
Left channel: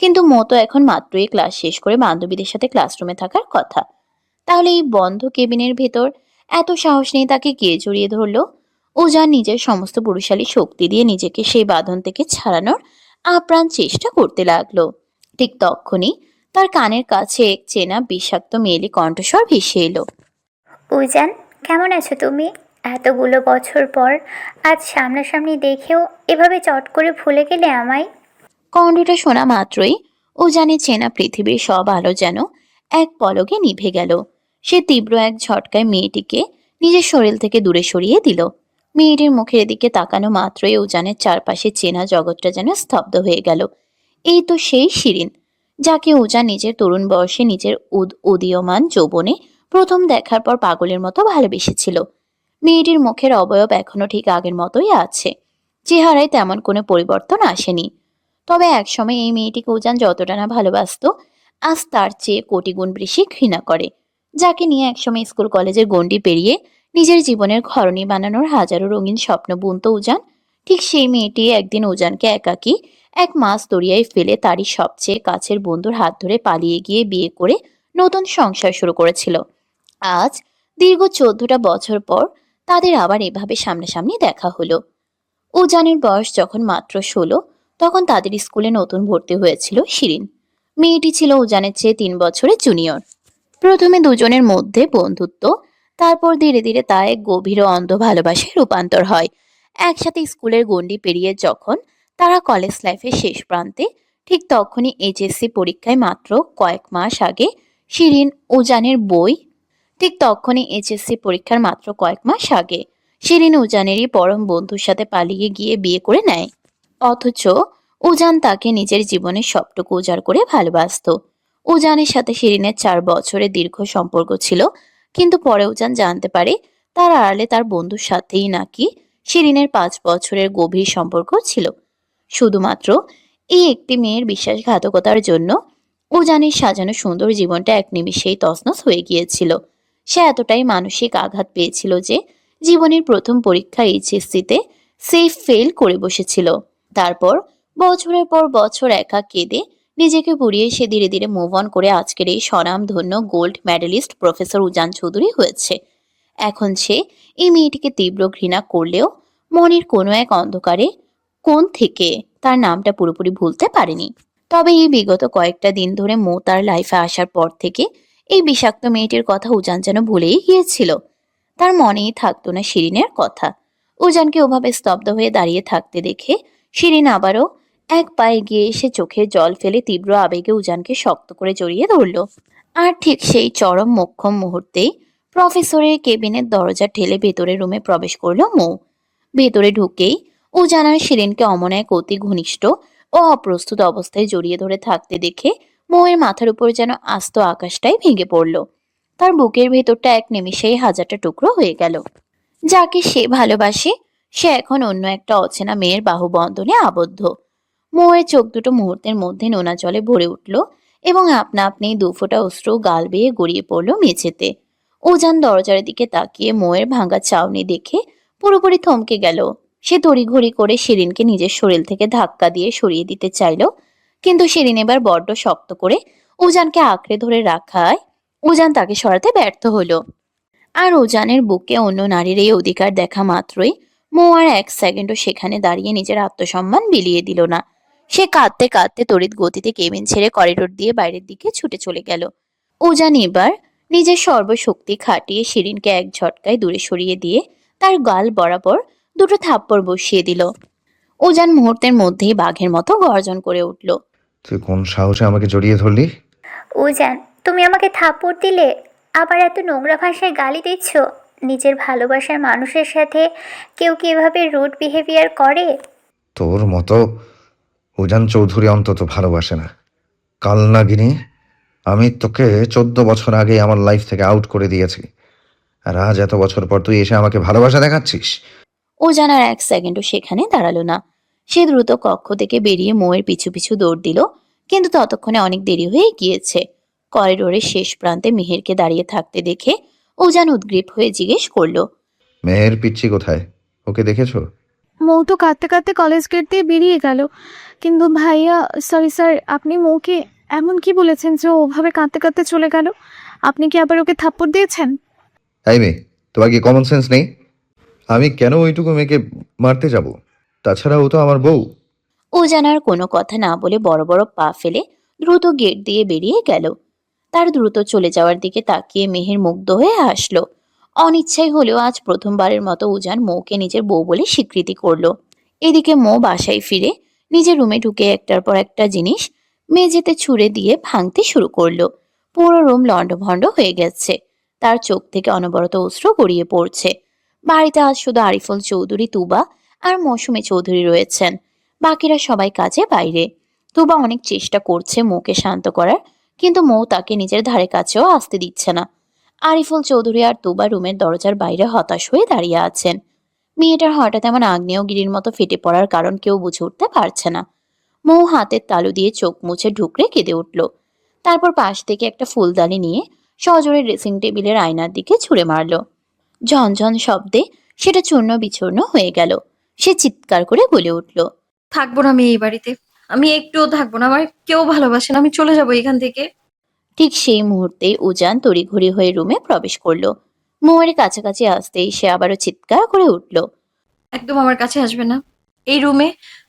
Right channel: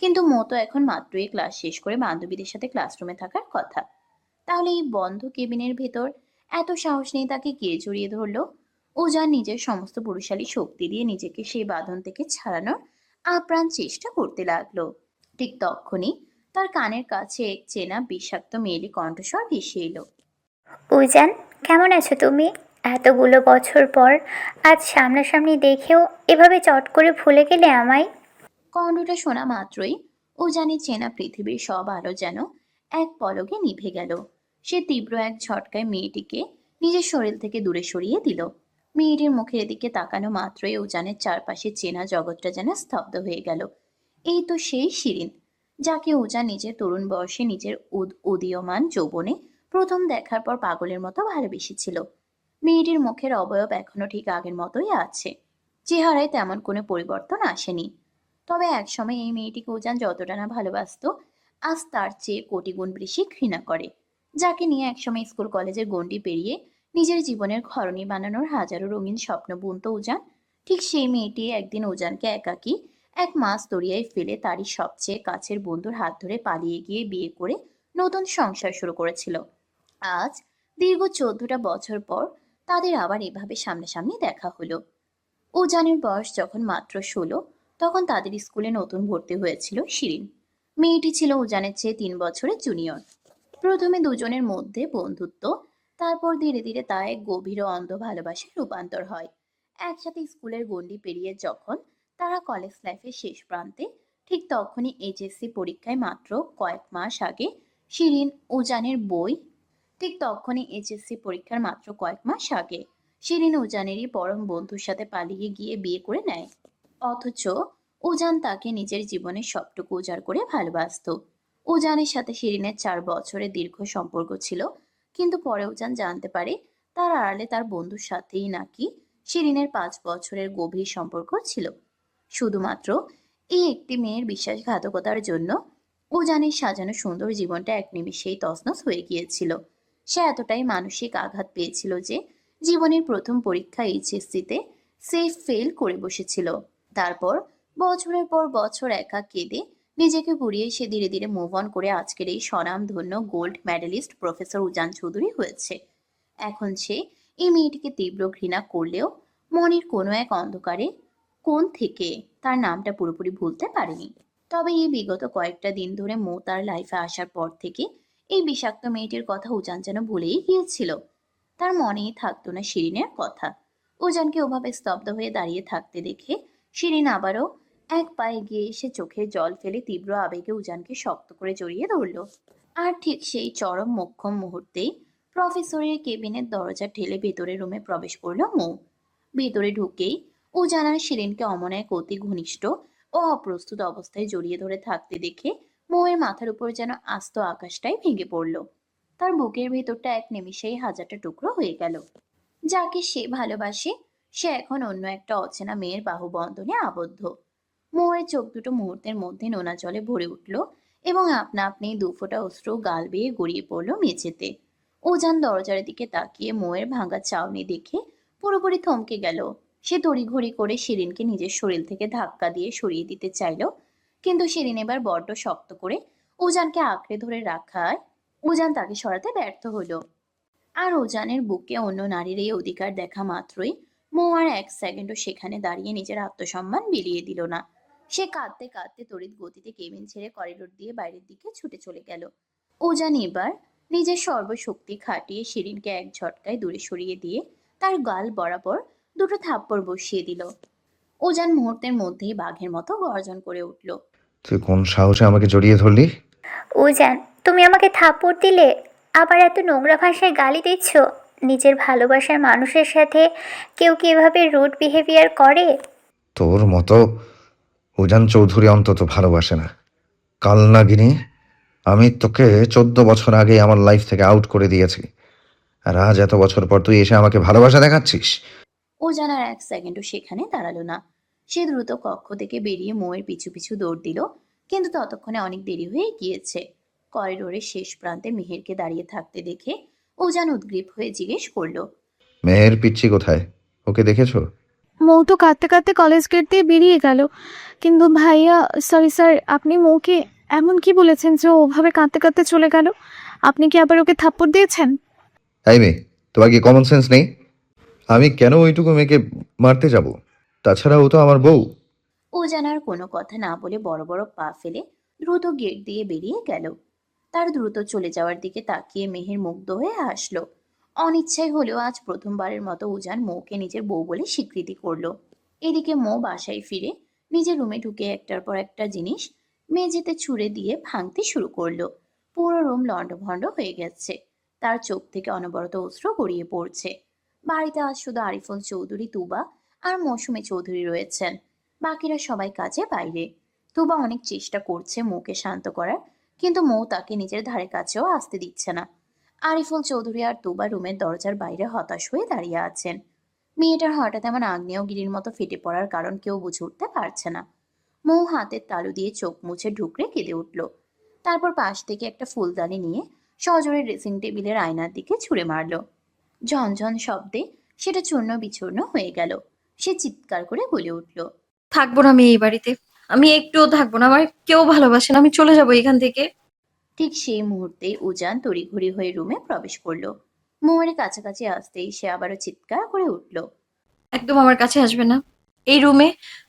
কিন্তু মো তো এখন মাত্রই ক্লাস শেষ করে বান্ধবীদের সাথে ক্লাসরুমে থাকার কথা। তাহলে এই বন্ধ কেবিনের ভেতর এত সাহস নেই তাকে কে জড়িয়ে ধরলো? ও যা নিজের সমস্ত পুরুষালী শক্তি দিয়ে নিজেকে সেই বাঁধন থেকে ছাড়ানোর আপ্রাণ চেষ্টা করতে লাগলো। ঠিক তখনই তার কানের কাছে এক চেনা বিষাক্ত মেয়েলি কণ্ঠস্বর ভেসে এলো। উজান, কেমন আছো তুমি? এতগুলো বছর পর আজ সামনাসামনি দেখেও এভাবে চট করে ভুলে গেলে আমায়? কণ্ঠটা শোনা মাত্রই ও জানে চেনা পৃথিবীর সব আলো যেন এক পলকে নিভে গেল। সে তীব্র এক ঝটকায় মেয়েটিকে নিজের শরীর থেকে দূরে সরিয়ে দিল। মেয়েটির মুখের দিকে তাকানো মাত্রই উজানের চারপাশে চেনা জগৎটা যেন স্তব্ধ হয়ে গেল। এই তো সেই শিরিন, যাকে উজান নিজের তরুণ বয়সে নিজের উদীয়মান যৌবনে প্রথম দেখার পর পাগলের মতো ভালোবেসেছিল। মেয়েটির মুখের অবয়ব এখনো ঠিক আগের মতোই আছে, চেহারায় তেমন কোনো পরিবর্তন আসেনি। তবে একসময় এই মেয়েটিকে উজান যতটা না ভালোবাসতো, আজ তার চেয়ে কোটি গুণ বেশি ঘৃণা করে। যাকে নিয়ে একসময় স্কুল কলেজের গণ্ডি পেরিয়ে নিজের জীবনের ঘরণী বানানোর হাজারো রঙিন স্বপ্ন বুনতো উজান, ঠিক সেই মেয়েটি একদিন উজানকে একাকী এক মাস দরিয়ায় ফেলে তারই সবচেয়ে কাছের বন্ধুর হাত ধরে পালিয়ে গিয়ে বিয়ে করে নতুন সংসার শুরু করেছিল। আজ দীর্ঘ 14টা বছর পর তাদের আবার এভাবে সামনাসামনি দেখা হলো। উজানের বয়স যখন মাত্র 16, তখন তাদের স্কুলে নতুন ভর্তি হয়েছিল শিরিন। মেয়েটি ছিল উজানের চেয়ে 3 বছরের জুনিয়র। প্রথমে দুজনের মধ্যে বন্ধুত্ব, তারপর ধীরে ধীরে তা এক গভীর ও অন্ধ ভালোবাসায় রূপান্তর হয়। একসাথে স্কুলের গণ্ডি পেরিয়ে যখন তারা কলেজ লাইফের শেষ প্রান্তে, ঠিক তখনই এইচএসসি পরীক্ষায় মাত্র কয়েক মাস আগে শিরিন উজানের বই ঠিক তখনই এইচএসসি পরীক্ষার মাত্র কয়েক মাস আগে শিরিন উজানেরই পরম বন্ধুর সাথে পালিয়ে গিয়ে বিয়ে করে নেয়। অথচ উজান তাকে নিজের জীবনের সবটুকু উজাড় করে ভালোবাসতো। উজানের সাথে শিরিনের 4 বছরের দীর্ঘ সম্পর্ক ছিল, কিন্তু পরে উজান জানতে পারে তার আড়ালে তার বন্ধুর সাথেই নাকি শিরিনের 5 বছরের গভীর সম্পর্ক ছিল। শুধুমাত্র এই একটি মেয়ের বিশ্বাসঘাতকতার জন্য উজানের সাজানো সুন্দর জীবনটা এক নিমিষেই তছনছ হয়ে গিয়েছিল। সে এতটাই মানসিক আঘাত পেয়েছিল যে জীবনের প্রথম পরীক্ষা এইচএসসিতে সেফ ফেল করে বসেছিল। তারপর বছরের পর বছর একা কেঁদে নিজেকে পুড়িয়ে সে ধীরে ধীরে মুভ অন করে আজকের এই স্বনামধন্য গোল্ড মেডেলিস্ট প্রফেসর উজান চৌধুরী হয়েছে। এখন সে এই মেয়েটিকে তীব্র ঘৃণা করলেও মনের কোনো এক অন্ধকারে কোণ থেকে তার নামটা পুরোপুরি ভুলতে পারেনি। তবে এই বিগত কয়েকটা দিন ধরে মো তার লাইফে আসার পর থেকে এই বিষাক্ত মেয়েটির কথা উজান যেন ভুলেই গিয়েছিল। তার মনেই থাকতো না শিরিনের কথা। উজানকে ওভাবে স্তব্ধ হয়ে দাঁড়িয়ে থাকতে দেখে শিরিন আবারও এক পায়ে গিয়ে এসে চোখের জল ফেলে তীব্র আবেগে উজানকে শক্ত করে জড়িয়ে ধরল। আর ঠিক সেই চরম মোক্ষম মুহূর্তেই প্রফেসরের কেবিনের দরজা ঠেলে ভেতরের রুমে প্রবেশ করলো মৌ। ভেতরে ঢুকেই উজান আর শিরিনকে অমন এক অতি ঘনিষ্ঠ ও অপ্রস্তুত অবস্থায় জড়িয়ে ধরে থাকতে দেখে মৌয়ের মাথার উপর যেন আস্ত আকাশটাই ভেঙে পড়ল। তার বুকের ভেতরটা এক নিমিষেই হাজারটা টুকরো হয়ে গেল। যাকে সে ভালোবাসে সে এখন অন্য একটা অচেনা মেয়ের বাহুবন্ধনে আবদ্ধ। মৌয়ের চোখ দুটো মুহূর্তের মধ্যে নোনা জলে ভরে উঠল এবং আপনা আপনি 2 ফোঁটা অশ্রু গাল বেয়ে গড়িয়ে পড়ল মেঝেতে। উজান দরজার দিকে তাকিয়ে মৌয়ের ভাঙা চাউনি দেখে পুরোপুরি থমকে গেল। সে তড়িঘড়ি করে শিরিনকে নিজের শরীর থেকে ধাক্কা দিয়ে সরিয়ে দিতে চাইল, কিন্তু শিরিন এবার বড্ড শক্ত করে উজানকে আঁকড়ে ধরে রাখায় উজান তাকে সরাতে ব্যর্থ হলো। আর উজানের বুকে অন্য নারীর এই অধিকার দেখা মাত্রই মৌ আর 1 সেকেন্ডও সেখানে দাঁড়িয়ে নিজের আত্মসম্মান বিলিয়ে দিল না। সে কাঁদতে কাঁদতে তড়িৎ গতিতে কেবিন ছেড়ে করিডোর দিয়ে বাইরের দিকে ছুটে চলে গেল। উজান এবার নিজের সর্বশক্তি খাটিয়ে শিরিনকে এক ঝটকায় দূরে সরিয়ে দিয়ে তার গাল বরাবর 2টো থাপ্পড় বসিয়ে দিল। উজান মুহূর্তের মধ্যেই বাঘের মতো গর্জন করে উঠল। তুই কোন সাহসে আমাকে জড়িয়ে ধরলি? উজান, তুমি আমাকে থাপ্পড় দিলে, আবার এত নোংরা ভাষায় গালি দিচ্ছ। নিজের ভালোবাসার মানুষের সাথে কেউ কি এভাবে রুড বিহেভিয়ার করে? তোর মতো উজান চৌধুরী অন্তত ভালোবাসে না। কাল নাগিনী, আমি তোকে 14 বছর আগে আমার লাইফ থেকে আউট করে দিয়েছি, আর আজ এত বছর পর তুই এসে আমাকে ভালোবাসা দেখাচ্ছিস? উজান আর 1 সেকেন্ডও সেখানে দাঁড়ালো না। সে দ্রুত কক্ষ থেকে বেরিয়ে মৌয়ের পিছু পিছু দৌড় দিল, কিন্তু ততক্ষণে অনেক দেরি হয়ে গিয়েছে। করিডোরের শেষ প্রান্তে মিহিরকে দাঁড়িয়ে থাকতে দেখে উজান উদ্গ্রীব হয়ে জিজ্ঞেস করলো, মেহের পিচ্ছি কোথায়? ওকে দেখেছো? মৌ তো কাঁদতে কাঁদতে কলেজ গেট দিয়ে বেরিয়ে গেল। কিন্তু ভাইয়া, সরি স্যার, আপনি মৌকে এমন কি বলেছেন যে ও ওভাবে কাঁদতে কাঁদতে চলে গেল? আপনি কি আবার ওকে থাপ্পড় দিয়েছেন? এই মেয়ে, তোমার কি কমন সেন্স নেই? আমি কেন ওইটুকু মেয়েকে মারতে যাব? তাছাড়া ও তো আমার বউ। উজান আর কোনো কথা না বলে বড় বড় পা ফেলে দ্রুত গেট দিয়ে বেরিয়ে গেল। তার দ্রুত চলে যাওয়ার দিকে তাকিয়ে মেহের মুগ্ধ হয়ে হাসলো। অনিচ্ছাই হলেও আজ প্রথমবারের মতো উজান মৌকে নিজের বউ বলে স্বীকৃতি করলো। এদিকে মৌ বাসায় ফিরে নিজের রুমে ঢুকে একটার পর একটা জিনিস মেঝেতে ছুঁড়ে দিয়ে ভাঙতে শুরু করলো। পুরো রুম লণ্ডভণ্ড হয়ে গেছে। তার চোখ থেকে অনবরত অশ্রু গড়িয়ে পড়ছে। বাড়িতে আজ শুধু আরিফুল চৌধুরী, তুবা আর মৌসুমী চৌধুরী রয়েছেন। বাকিরা সবাই কাজে বাইরে। তুবা অনেক চেষ্টা করছে মৌকে শান্ত করার, কিন্তু মৌ তাকে নিজের ধারে কাছেও আসতে দিচ্ছে না। আরিফুল চৌধুরী আর তুবা রুমের দরজার বাইরে হতাশ হয়ে দাঁড়িয়ে আছেন। মেয়েটার হঠাৎ এমন আগ্নেয়গিরির মতো ফেটে পড়ার কারণ কেউ বুঝে উঠতে পারছে না। মৌ হাতের তালু দিয়ে চোখ মুছে ঢুকরে কেঁদে উঠল। তারপর পাশ থেকে একটা ফুলদানি নিয়ে সজোরে ড্রেসিং টেবিলের আয়নার দিকে ছুঁড়ে মারল। ঝনঝন শব্দে সেটা চূর্ণ বিচূর্ণ হয়ে গেল। সে চিৎকার করে বলে উঠল, থাকবো না আমি এই বাড়িতে। আমি একটুও থাকবো না। আমার কেউ ভালোবাসে না। আমি চলে যাবো এখান থেকে। ঠিক সেই মুহূর্তেই উজান তড়িঘড়ি হয়ে রুমে প্রবেশ করলো। মৌয়ের কাছাকাছি আসতেই সে আবারও চিৎকার করে উঠল। একদম আমার কাছে আসবে না। এই রুমে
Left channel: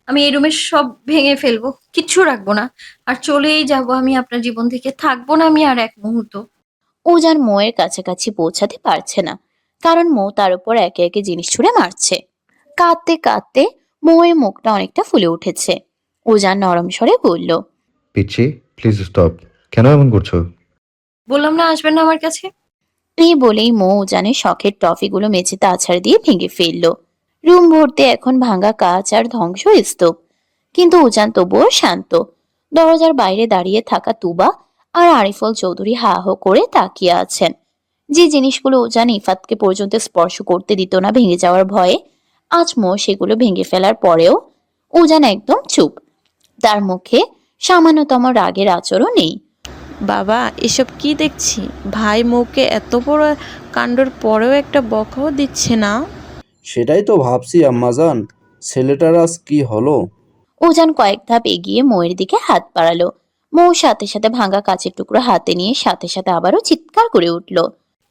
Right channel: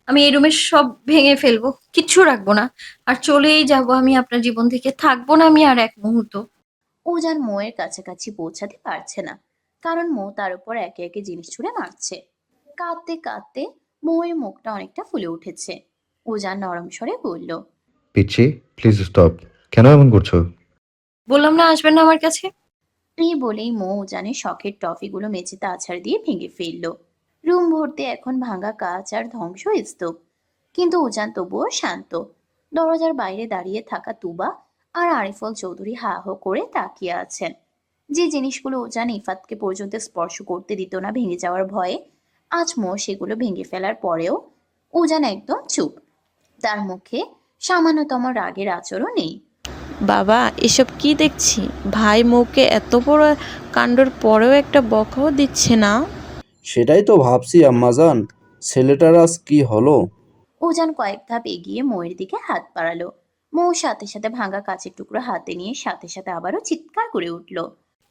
আমি এই রুমের সব ভেঙে ফেলবো। কিচ্ছু রাখবো না। আর চলেই যাব আমি আপনার জীবন থেকে। থাকবো না আমি আর এক মুহূর্ত। উজান মৌয়ের কাছাকাছি পৌঁছাতে পারছে না, কারণ মৌ তার উপর একে একে জিনিস ছুঁড়ে মারছে। কাঁদতে কাঁদতে মৌয়ের মুখটা অনেকটা ফুলে উঠেছে। উজান নরম স্বরে বলল, পিচ্ছি, প্লিজ স্টপ। কেন এমন করছো? বললাম না আসবেন না আমার কাছে। এই বলেই মৌ উজানের শখের টফিগুলো মেঝেতে আছাড় দিয়ে ভেঙে ফেলল। রুম ভর্তি এখন ভাঙা কাঁচ আর ধ্বংস স্তূপ। কিন্তু উজান তবুও শান্ত। দরজার বাইরে দাঁড়িয়ে থাকা তুবা আর আরিফুল চৌধুরী হা হো করে তাকিয়ে আছেন। যে জিনিসগুলো উজান ইফাতকে পর্যন্ত স্পর্শ করতে দিত না ভেঙে যাওয়ার ভয়ে, আজ মৌ সেগুলো ভেঙে ফেলার পরেও উজান একদম চুপ। তার মুখে সামান্যতম রাগের আঁচড়ও নেই। বাবা, এসব কি দেখছি? ভাই মৌকে এত বড় কাণ্ডর পরেও একটা বকাও দিচ্ছে না। সেটাই তো ভাবছি আম্মাজান, ছেলেটার আজ কি হলো? উজান কয়েক ধাপ এগিয়ে মৌয়ের দিকে হাত বাড়ালো। মৌ সাথে সাথে ভাঙা কাচের টুকরো হাতে নিয়ে সাথে সাথে আবারও চিৎকার করে উঠল।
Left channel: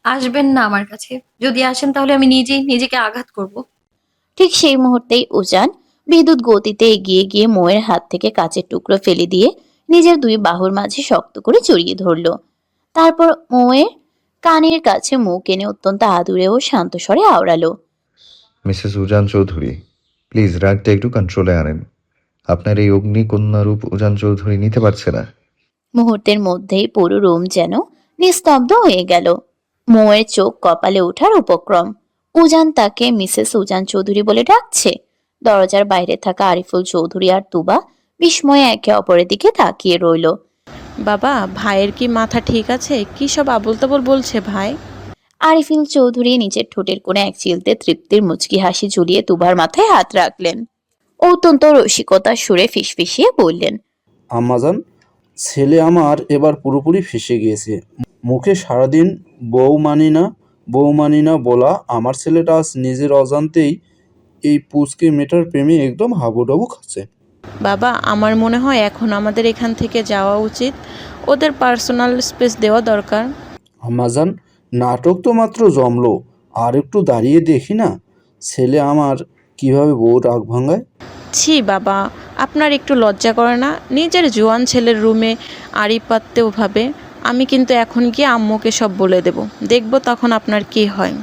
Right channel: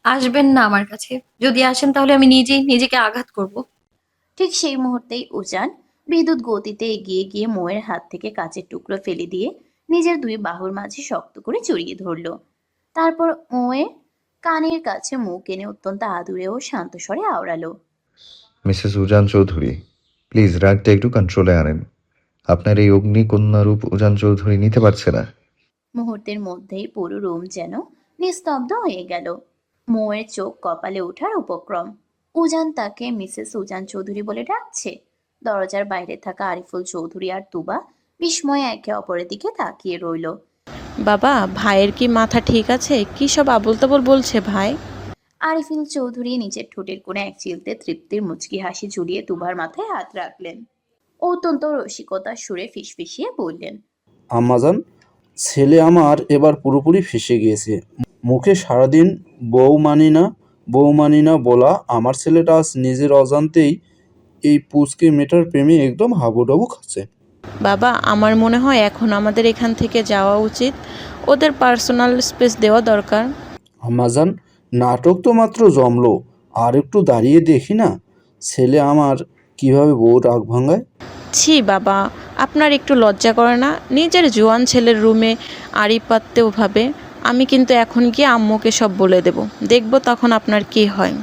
আসবেন না আমার কাছে। যদি আসেন তাহলে আমি নিজেই নিজেকে আঘাত করব। ঠিক সেই মুহূর্তেই উজান বিদ্যুৎ গতিতে এগিয়ে গিয়ে মৌয়ের হাত থেকে কাচের টুকরো ফেলে দিয়ে নিজের দুই বাহুর মাঝে শক্ত করে জড়িয়ে ধরল। তারপর মৌয়ের কানের কাছে মুখ এনে অত্যন্ত আদুরে ও শান্ত স্বরে আওড়ালো, মিসেস উজান চৌধুরী, প্লিজ রাগটা একটু কন্ট্রোলে আনেন। আপনার এই অগ্নিকন্যা রূপ উজান চৌধুরী নিতে পারছে না। মুহূর্তের মধ্যেই পুরো রুম যেন নিস্তব্ধ হয়ে গেল। মৌয়ের চোখ কপালে ওঠার উপক্রম। উজান তাকে মিসেস উজান চৌধুরী বলে ডাকছে। দরজার বাইরে থাকা আরিফুল চৌধুরী আর তুবা বিস্ময়ে একে অপরের দিকে তাকিয়ে রইল। বাবা, ভাইয়ের কি মাথা ঠিক আছে? কি সব আবোল তাবোল বলছে ভাই? আরিফুল চৌধুরী নিজের ঠোঁটের কোণে এক চিলতে তৃপ্তির মুচকি হাসি ঝুলিয়ে তুবার মাথায় হাত রাখলেন। অত্যন্ত রসিকতার সুরে ফিসফিসিয়ে বললেন, আম্মাজান, ছেলে আমার এবার পুরোপুরি ফেঁসে গিয়েছে। মুখে সারাদিন বউ মানি না বউ মানি না বলা আমার ছেলেটা আজ নিজের অজান্তেই এই পুচকে মেয়েটার প্রেমে একদম হাবুডাবু খাচ্ছে। বাবা, আমার মনে হয় এখন আমাদের এখান থেকে যাওয়া উচিত। ওদের পার্সোনাল স্পেস দেওয়া দরকার। আম্মাজান, নাটক তো মাত্র জমলো, আর একটু দাঁড়িয়ে দেখি না ছেলে আমার কিভাবে বউ রাগ ভাঙায়। ছি বাবা, আপনার একটু লজ্জা করে না? নিজের জোয়ান ছেলের রুমে আড়ি পাততে ওভাবে। আমি কিন্তু এখন গিয়ে আম্মুকে সব বলে দেব। দেখব তখন আপনার কি হয়।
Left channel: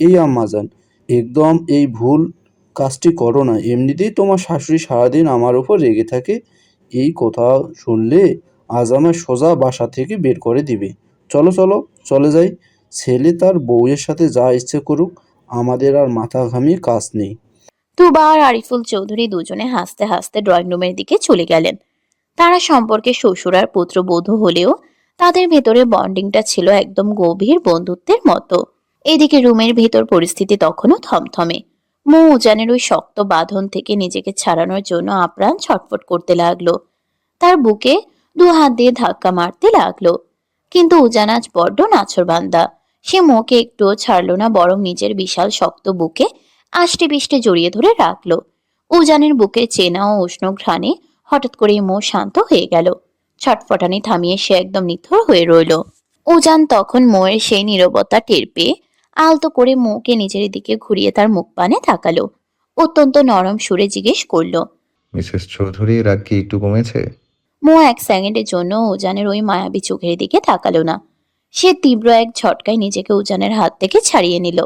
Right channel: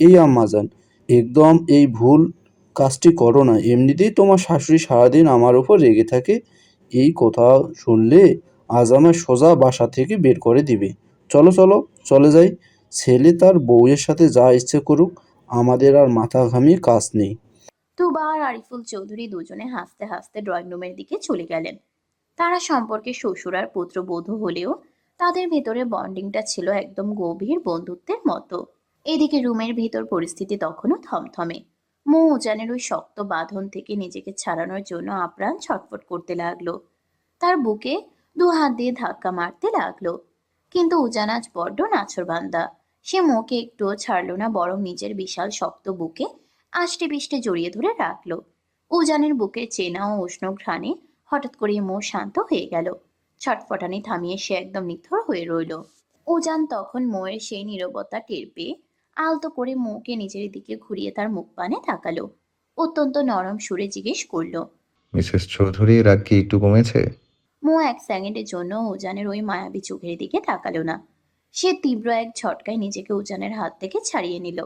এই আম্মাজান, একদম এই ভুল কাজটি করো না। এমনিতেই তোমার শাশুড়ি সারাদিন আমার উপর রেগে থাকে। এই কথা শুনলে আজ আমার সোজা বাসা থেকে বের করে দিবে। চলো চলো, চলে যাই। ছেলে তার বউয়ের সাথে যা ইচ্ছে করুক, আমাদের আর মাথা ঘামিয়ে কাজ নেই। তুবা আর আরিফুল চৌধুরী দুজনে হাসতে হাসতে ড্রয়িং রুমের দিকে চলে গেলেন। তারা সম্পর্কে শ্বশুর আর পুত্রবধূ হলেও তাদের ভেতরে বন্ডিংটা ছিল একদম গভীর বন্ধুত্বের মতো। এদিকে রুমের ভেতর পরিস্থিতি তখনও থমথমে। মৌ উজানের ওই শক্ত বাঁধন থেকে নিজেকে ছাড়ানোর জন্য আপ্রাণ ছটফট করতে লাগলো। তার বুকে দু হাত দিয়ে ধাক্কা মারতে লাগলো। কিন্তু উজান আজ বড্ড নাছোড়বান্দা। সে মৌকে একটুও ছাড়লো না, বরং নিজের বিশাল শক্ত বুকে আষ্টে পিষ্টে জড়িয়ে ধরে রাখলো। উজানের বুকে চেনা ও উষ্ণ ঘ্রাণে হঠাৎ করে মৌ শান্ত হয়ে গেল। ছটফটানি থামিয়ে সে একদম নিথর হয়ে রইল। উজান তখন মৌয়ের সেই নীরবতা টের পেয়ে আলতো করে মৌকে নিজের দিকে ঘুরিয়ে তার মুখ পানে তাকালো। অত্যন্ত নরম সুরে জিজ্ঞেস করলো, মিসেস চৌধুরী, রাগ কি একটু কমেছে? মৌ এক সেকেন্ডের জন্য উজানের ওই মায়াবী চোখের দিকে তাকালো না। সে তীব্র এক ঝটকায় নিজেকে উজানের হাত থেকে ছাড়িয়ে নিল।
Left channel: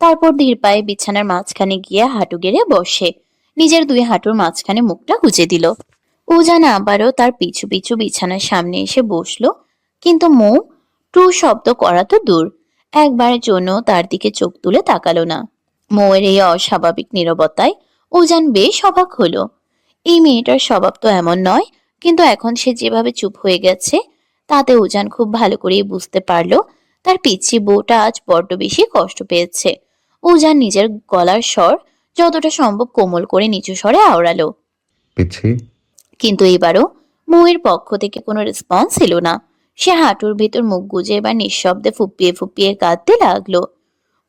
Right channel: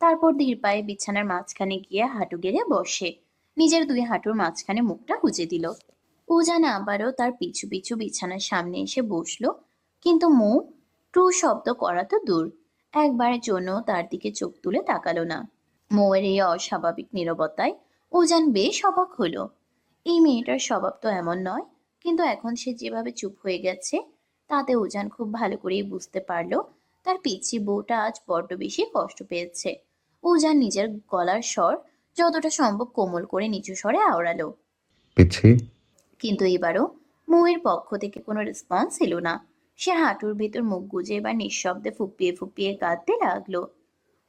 তারপর ধীর পায়ে বিছানার মাঝখানে গিয়ে হাঁটু গেড়ে বসে নিজের দুই হাঁটুর মাঝখানে মুখটা গুজে দিল। উজান আবারও তার পিছু পিছু বিছানার সামনে এসে বসলো, কিন্তু মৌ টু শব্দ করা তো দূর, একবারের জন্য তার দিকে চোখ তুলে তাকালো না। মৌয়ের এই অস্বাভাবিক নীরবতায় উজান বেশ অবাক হলো। এই মেয়েটার স্বভাব তো এমন নয়, কিন্তু এখন সে যেভাবে চুপ হয়ে গেছে তাতে উজান খুব ভালো করেই বুঝতে পারলো তার পিচ্ছি বউটা আজ বড্ড বেশি কষ্ট পেয়েছে। উজান নিজের গলার স্বর যতটা সম্ভব কোমল করে নিচু স্বরে আওড়ালো, পিচ্ছি। কিন্তু এবারও মৌয়ের পক্ষ থেকে কোনো রেসপন্স এলো না। সে হাঁটুর ভেতর মুখ গুজে এবার নিঃশব্দে ফুপিয়ে ফুপিয়ে কাঁদতে লাগলো।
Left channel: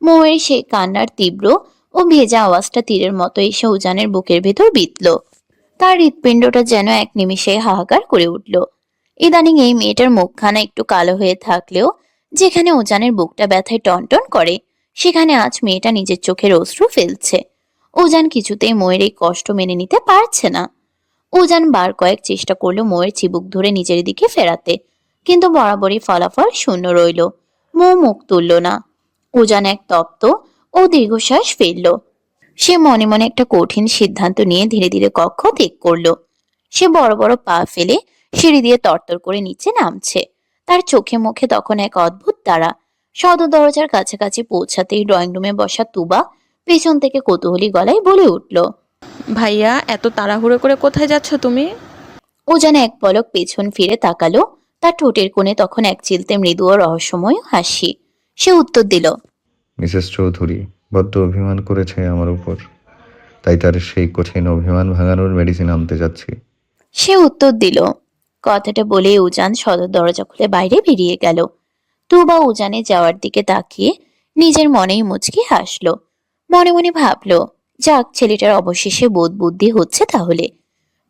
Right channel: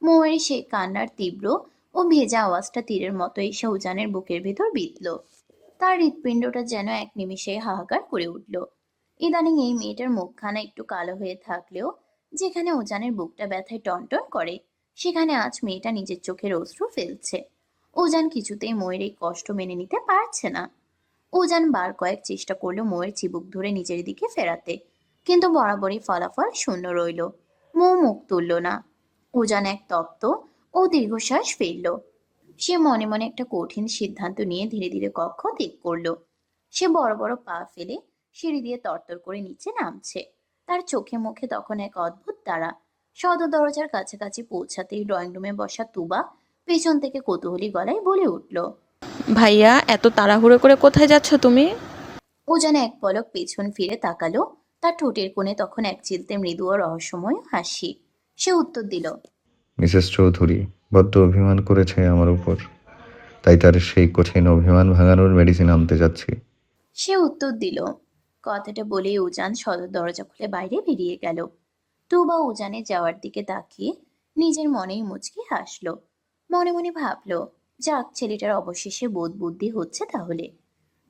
মৌয়ের সেই কান্নার তীব্র ও ভেজা আওয়াজটা তীরের মতো এসে উজানের বুকের ভেতর বিঁধল। তার হৃৎপিণ্ডটা যেন এক নিমিষে হাহাকার করে উঠল। ইদানিং এই মেয়েটার মুখখানা একটু কালো হয়ে থাকলেও যেখানে উজানের বুকটা ব্যথায় টনটন করে, সেখানে আজ মেয়েটা নিজের চোখের অশ্রু ফেলছে। উজান কিছুতেই মৌয়ের এই কষ্ট মেনে নিতে পারছে না। উজান বার কয়েক চেষ্টা করলো মৌয়ের চিবুক ধরে নিজের দিকে ফেরাতে, কিন্তু বরাবরই ফলাফল শূন্য রইল। মৌ মুখ তুলল না। উজান এক তপ্ত ও দীর্ঘশ্বাস ফেলল। সে মনে মনে একটা কঠিন সিদ্ধান্ত নিয়ে ধীরে ধীরে কক্ষ ত্যাগ করলো। সে বড় বড় পা ফেলে সিঁড়ি দিয়ে তরতর করে নিচে নামছে। তার চোখে মুখে তখন এক অদ্ভুত তাড়া। সদর দরজার কাছাকাছি পৌঁছাতেই ড্রয়িং রুমে বসা তুবা পেছন থেকে কৌতূহলী গলায় বলে উঠল, ভাইয়া, এত তাড়াহুড়ো করে কোথায় যাচ্ছ তুমি? উজান এক পলক পেছন ফিরে তাকালো। তার ঠোঁটের কোণে তখন এক চিলতে মৃদু ও রহস্যময় হাসি। সে উত্তর দিল, মিসেস চৌধুরী বড্ড অভিমান করেছে আমার উপর, তাই তার সেই কঠিন অভিমান ভাঙানোর মেডিসিন আনতে যাচ্ছি। সে উত্তর দিল। কথাটা বলে উজান সদর দরজা খুলে বাইরে বেরিয়ে গেল। তুবা উজানে যাওয়ার দিকে তাকিয়ে নিজের মনেই মুচকি হাসলো। মনে মনে ভাবলো, যাক, ছেলেটার অবশেষে বোধ বুদ্ধি হচ্ছে তাহলে।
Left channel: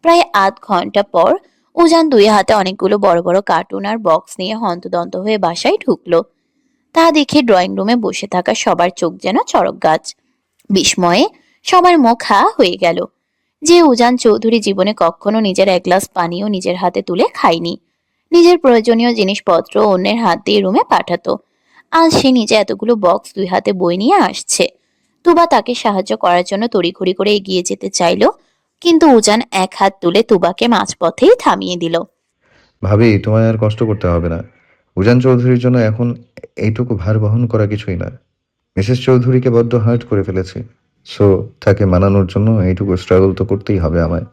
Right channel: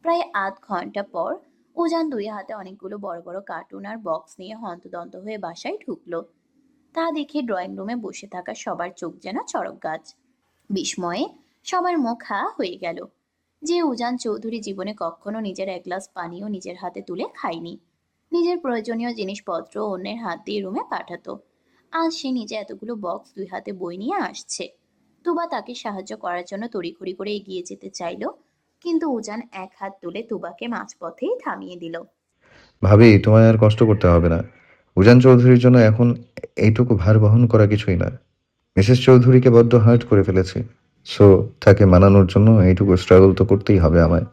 প্রায় আধ ঘন্টা পর উজান দুই হাতে অনেকগুলো বড় বড় কার্টুন আর বক্স নিয়ে হন্তদন্ত হয়ে বাসায় ঢুকলো। তা দেখে ড্রয়িং রুমে বসে থাকা সবার চোখ যেন চড়ক গাছ। বিস্ময়ে সবার মুখ হা হয়ে গেল। যে উজান চৌধুরী জীবনে কখনো নিজের এক গ্লাস পানিও নিজের হাতে তুলে খায়নি, নিজের প্রয়োজনীয় জিনিসপত্র অন্যের হাত দিয়ে রুমে পাঠাতো, আজ সে নিজে এতগুলো বক্স দুই হাতে বই নিয়ে আসছে। তুবা তাকে সাহায্য করার জন্য তড়িঘড়ি করে এগিয়ে যেতে চাইলো, কিন্তু উজান এক হাত তুলে তুবাকে মাঝপথেই থামিয়ে দিল। ভাবি, তোমায় আর কষ্ট করতে হবে না। উজান চৌধুরীর জন্য এখন এইটুকু ভার বহন করা কিছুই না। মিসেস চৌধুরীকে বড্ড হার্ট করে ফেলেছি, সো তাকে মানানোর জন্য এইটুকু স্ট্রাগল তো করতেই হবে আমায়।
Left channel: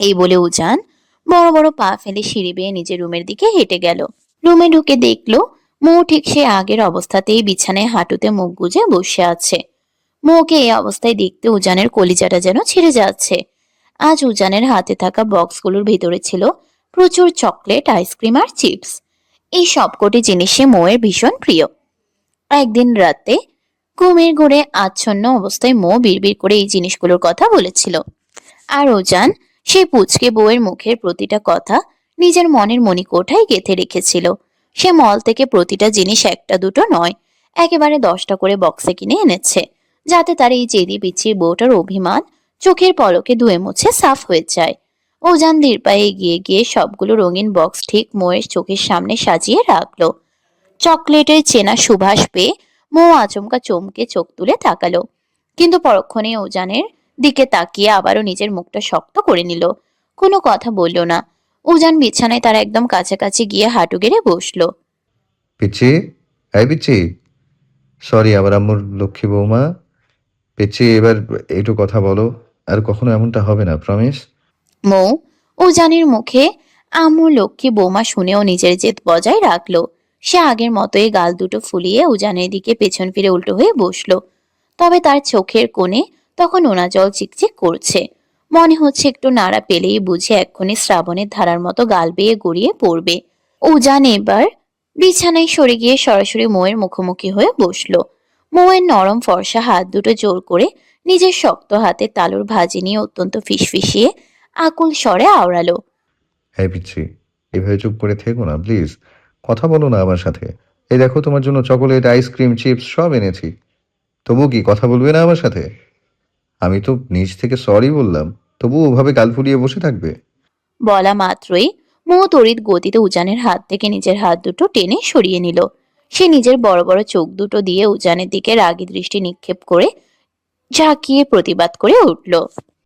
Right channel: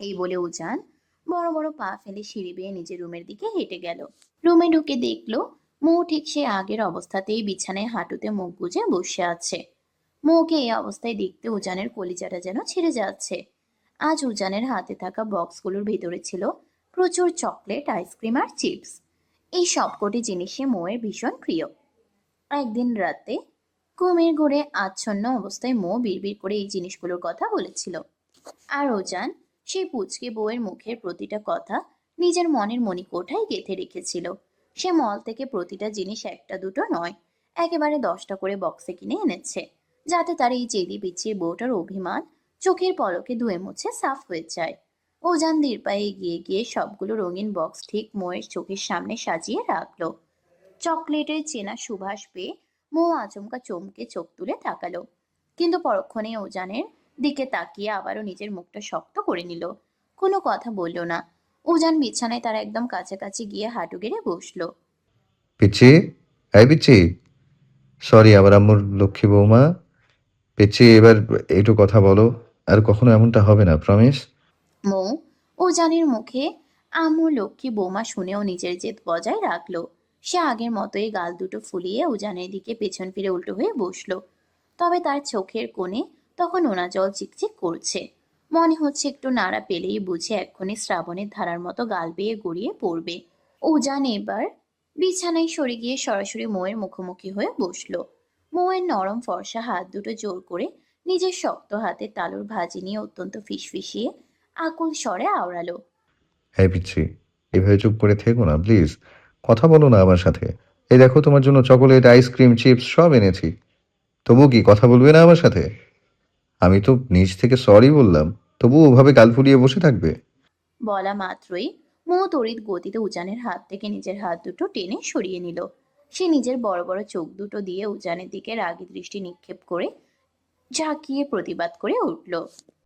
এই বলে উজান বড় বড় পা ফেলে সিঁড়ি বেয়ে নিজের রুমের দিকে হেঁটে গেল। রুমে ঢুকে দেখলো মৌ ঠিক সে আগের অবস্থাতেই বিছানায় হাঁটুতে মুখ গুজে বসে আছে। মৌকে এই অবস্থায় দেখতে উজানের কলিজাটা যেন ছিঁড়ে যাচ্ছে। আজ উজানের হাতে থাকা বক্সগুলোর ভিতরে ছিল প্রচুর চকলেট, আইসক্রিম আর চিপস। এই সবকটি জিনিসই মৌয়ের ভীষণ প্রিয়। একদিন রাতে ঘুমের ঘোরে আচ্ছন্ন অবস্থায় মৌ বিড়বিড় করে এই জিনিসগুলোর কথা বলেছিল, আর উজান সেই পুচকে বউয়ের মুখের প্রতিটা কথা নিজের মনের মণিকোঠায় গেঁথে রেখেছিল। সে মল থেকে প্রতিটা জিনিস একটা দুটো নয়, একেবারে 10টা করে বক্সে কিনে এনেছে, যাতে তার এই জেদি পিচ্ছির বউটার অভিমান চোখের পলকে ধুয়ে মুছে সাফ হয়ে যায়। উজান ধীর পায়ে এগিয়ে গিয়ে সবগুলো রঙিন বক্স ঠিক মৌয়ের চোখের সামনে সাজিয়ে রাখলো। চকলেটের চেনা সুবাস পেয়ে মৌ আচমকা চমকে চোখ তুলে তাকালো, কিন্তু পরক্ষণে উজানের দিকে তাকিয়ে আবারও নিজের মুখটা শক্ত করে নিল। কোনো কথা বলল না। উজান বিছানায় তার একদম কাছাকাছি গিয়ে হাঁটু গেড়ে বসলো। পিচ্ছি, এই পিচ্ছি, সরি আমার আম্মুর লক্ষ্মী বৌমা। পিচ্ছি, এবার একটু কথা বলো, আর কখনো এমনটা হবে না, প্রমিস। মৌ উজানের মুখে আম্মু লক্ষ্মী বৌমা শুনেও নিজের জেদ বজায় রাখলো। সে আগের মতোই গাল দুটো ফুলিয়ে উজানের দিকে পেছন ফিরে উল্টো হয়ে বসলো। তবে তার চোখের কোণে তখন নোনা জল চিকচিক করছে। মনে হচ্ছে একটু নাড়া পেলেই বুঝে এক্ষুনি শ্রাবণের ধারার মতো গাল বেয়ে গড়িয়ে পড়বে। উজান এবার বিছানায় সরে গিয়ে সরাসরি মৌয়ের মুখোমুখি হয়ে বসলো। মৌয়ের নরম ফর্সা হাত দুটো জোর করে নিজের শক্ত হাতে তালুর ভাজি নিয়ে অত্যন্ত ফিসফিসিয়ে আকুল স্বরে আওড়ালো। হ্যাঁ পিচ্ছি, এভাবে চুপ করে থেকো না প্লিজ, কথা বলো না আমার সাথে। এই দেখো তোমার জন্য চকোলেট, আইসক্রিম, চিপস সব এনেছি, তবু কি কথা বলবে না আমার সাথে? আমি তো নিজ থেকে সরি বললাম, তবু ওভাবে গাল ফুলিয়ে বসে থাকবে? বলা মাত্রই মৌ তড়িৎ গতিতে উজানের হাত থেকে নিজের হাত দুটো টেনে সরিয়ে নিল। সে নিজের বড় বড় চোখ দুটো দিয়ে উজানের দিকে রাগী দৃষ্টি নিক্ষেপ করে ঝাঁকিয়ে প্রতিবাদ করে উঠল।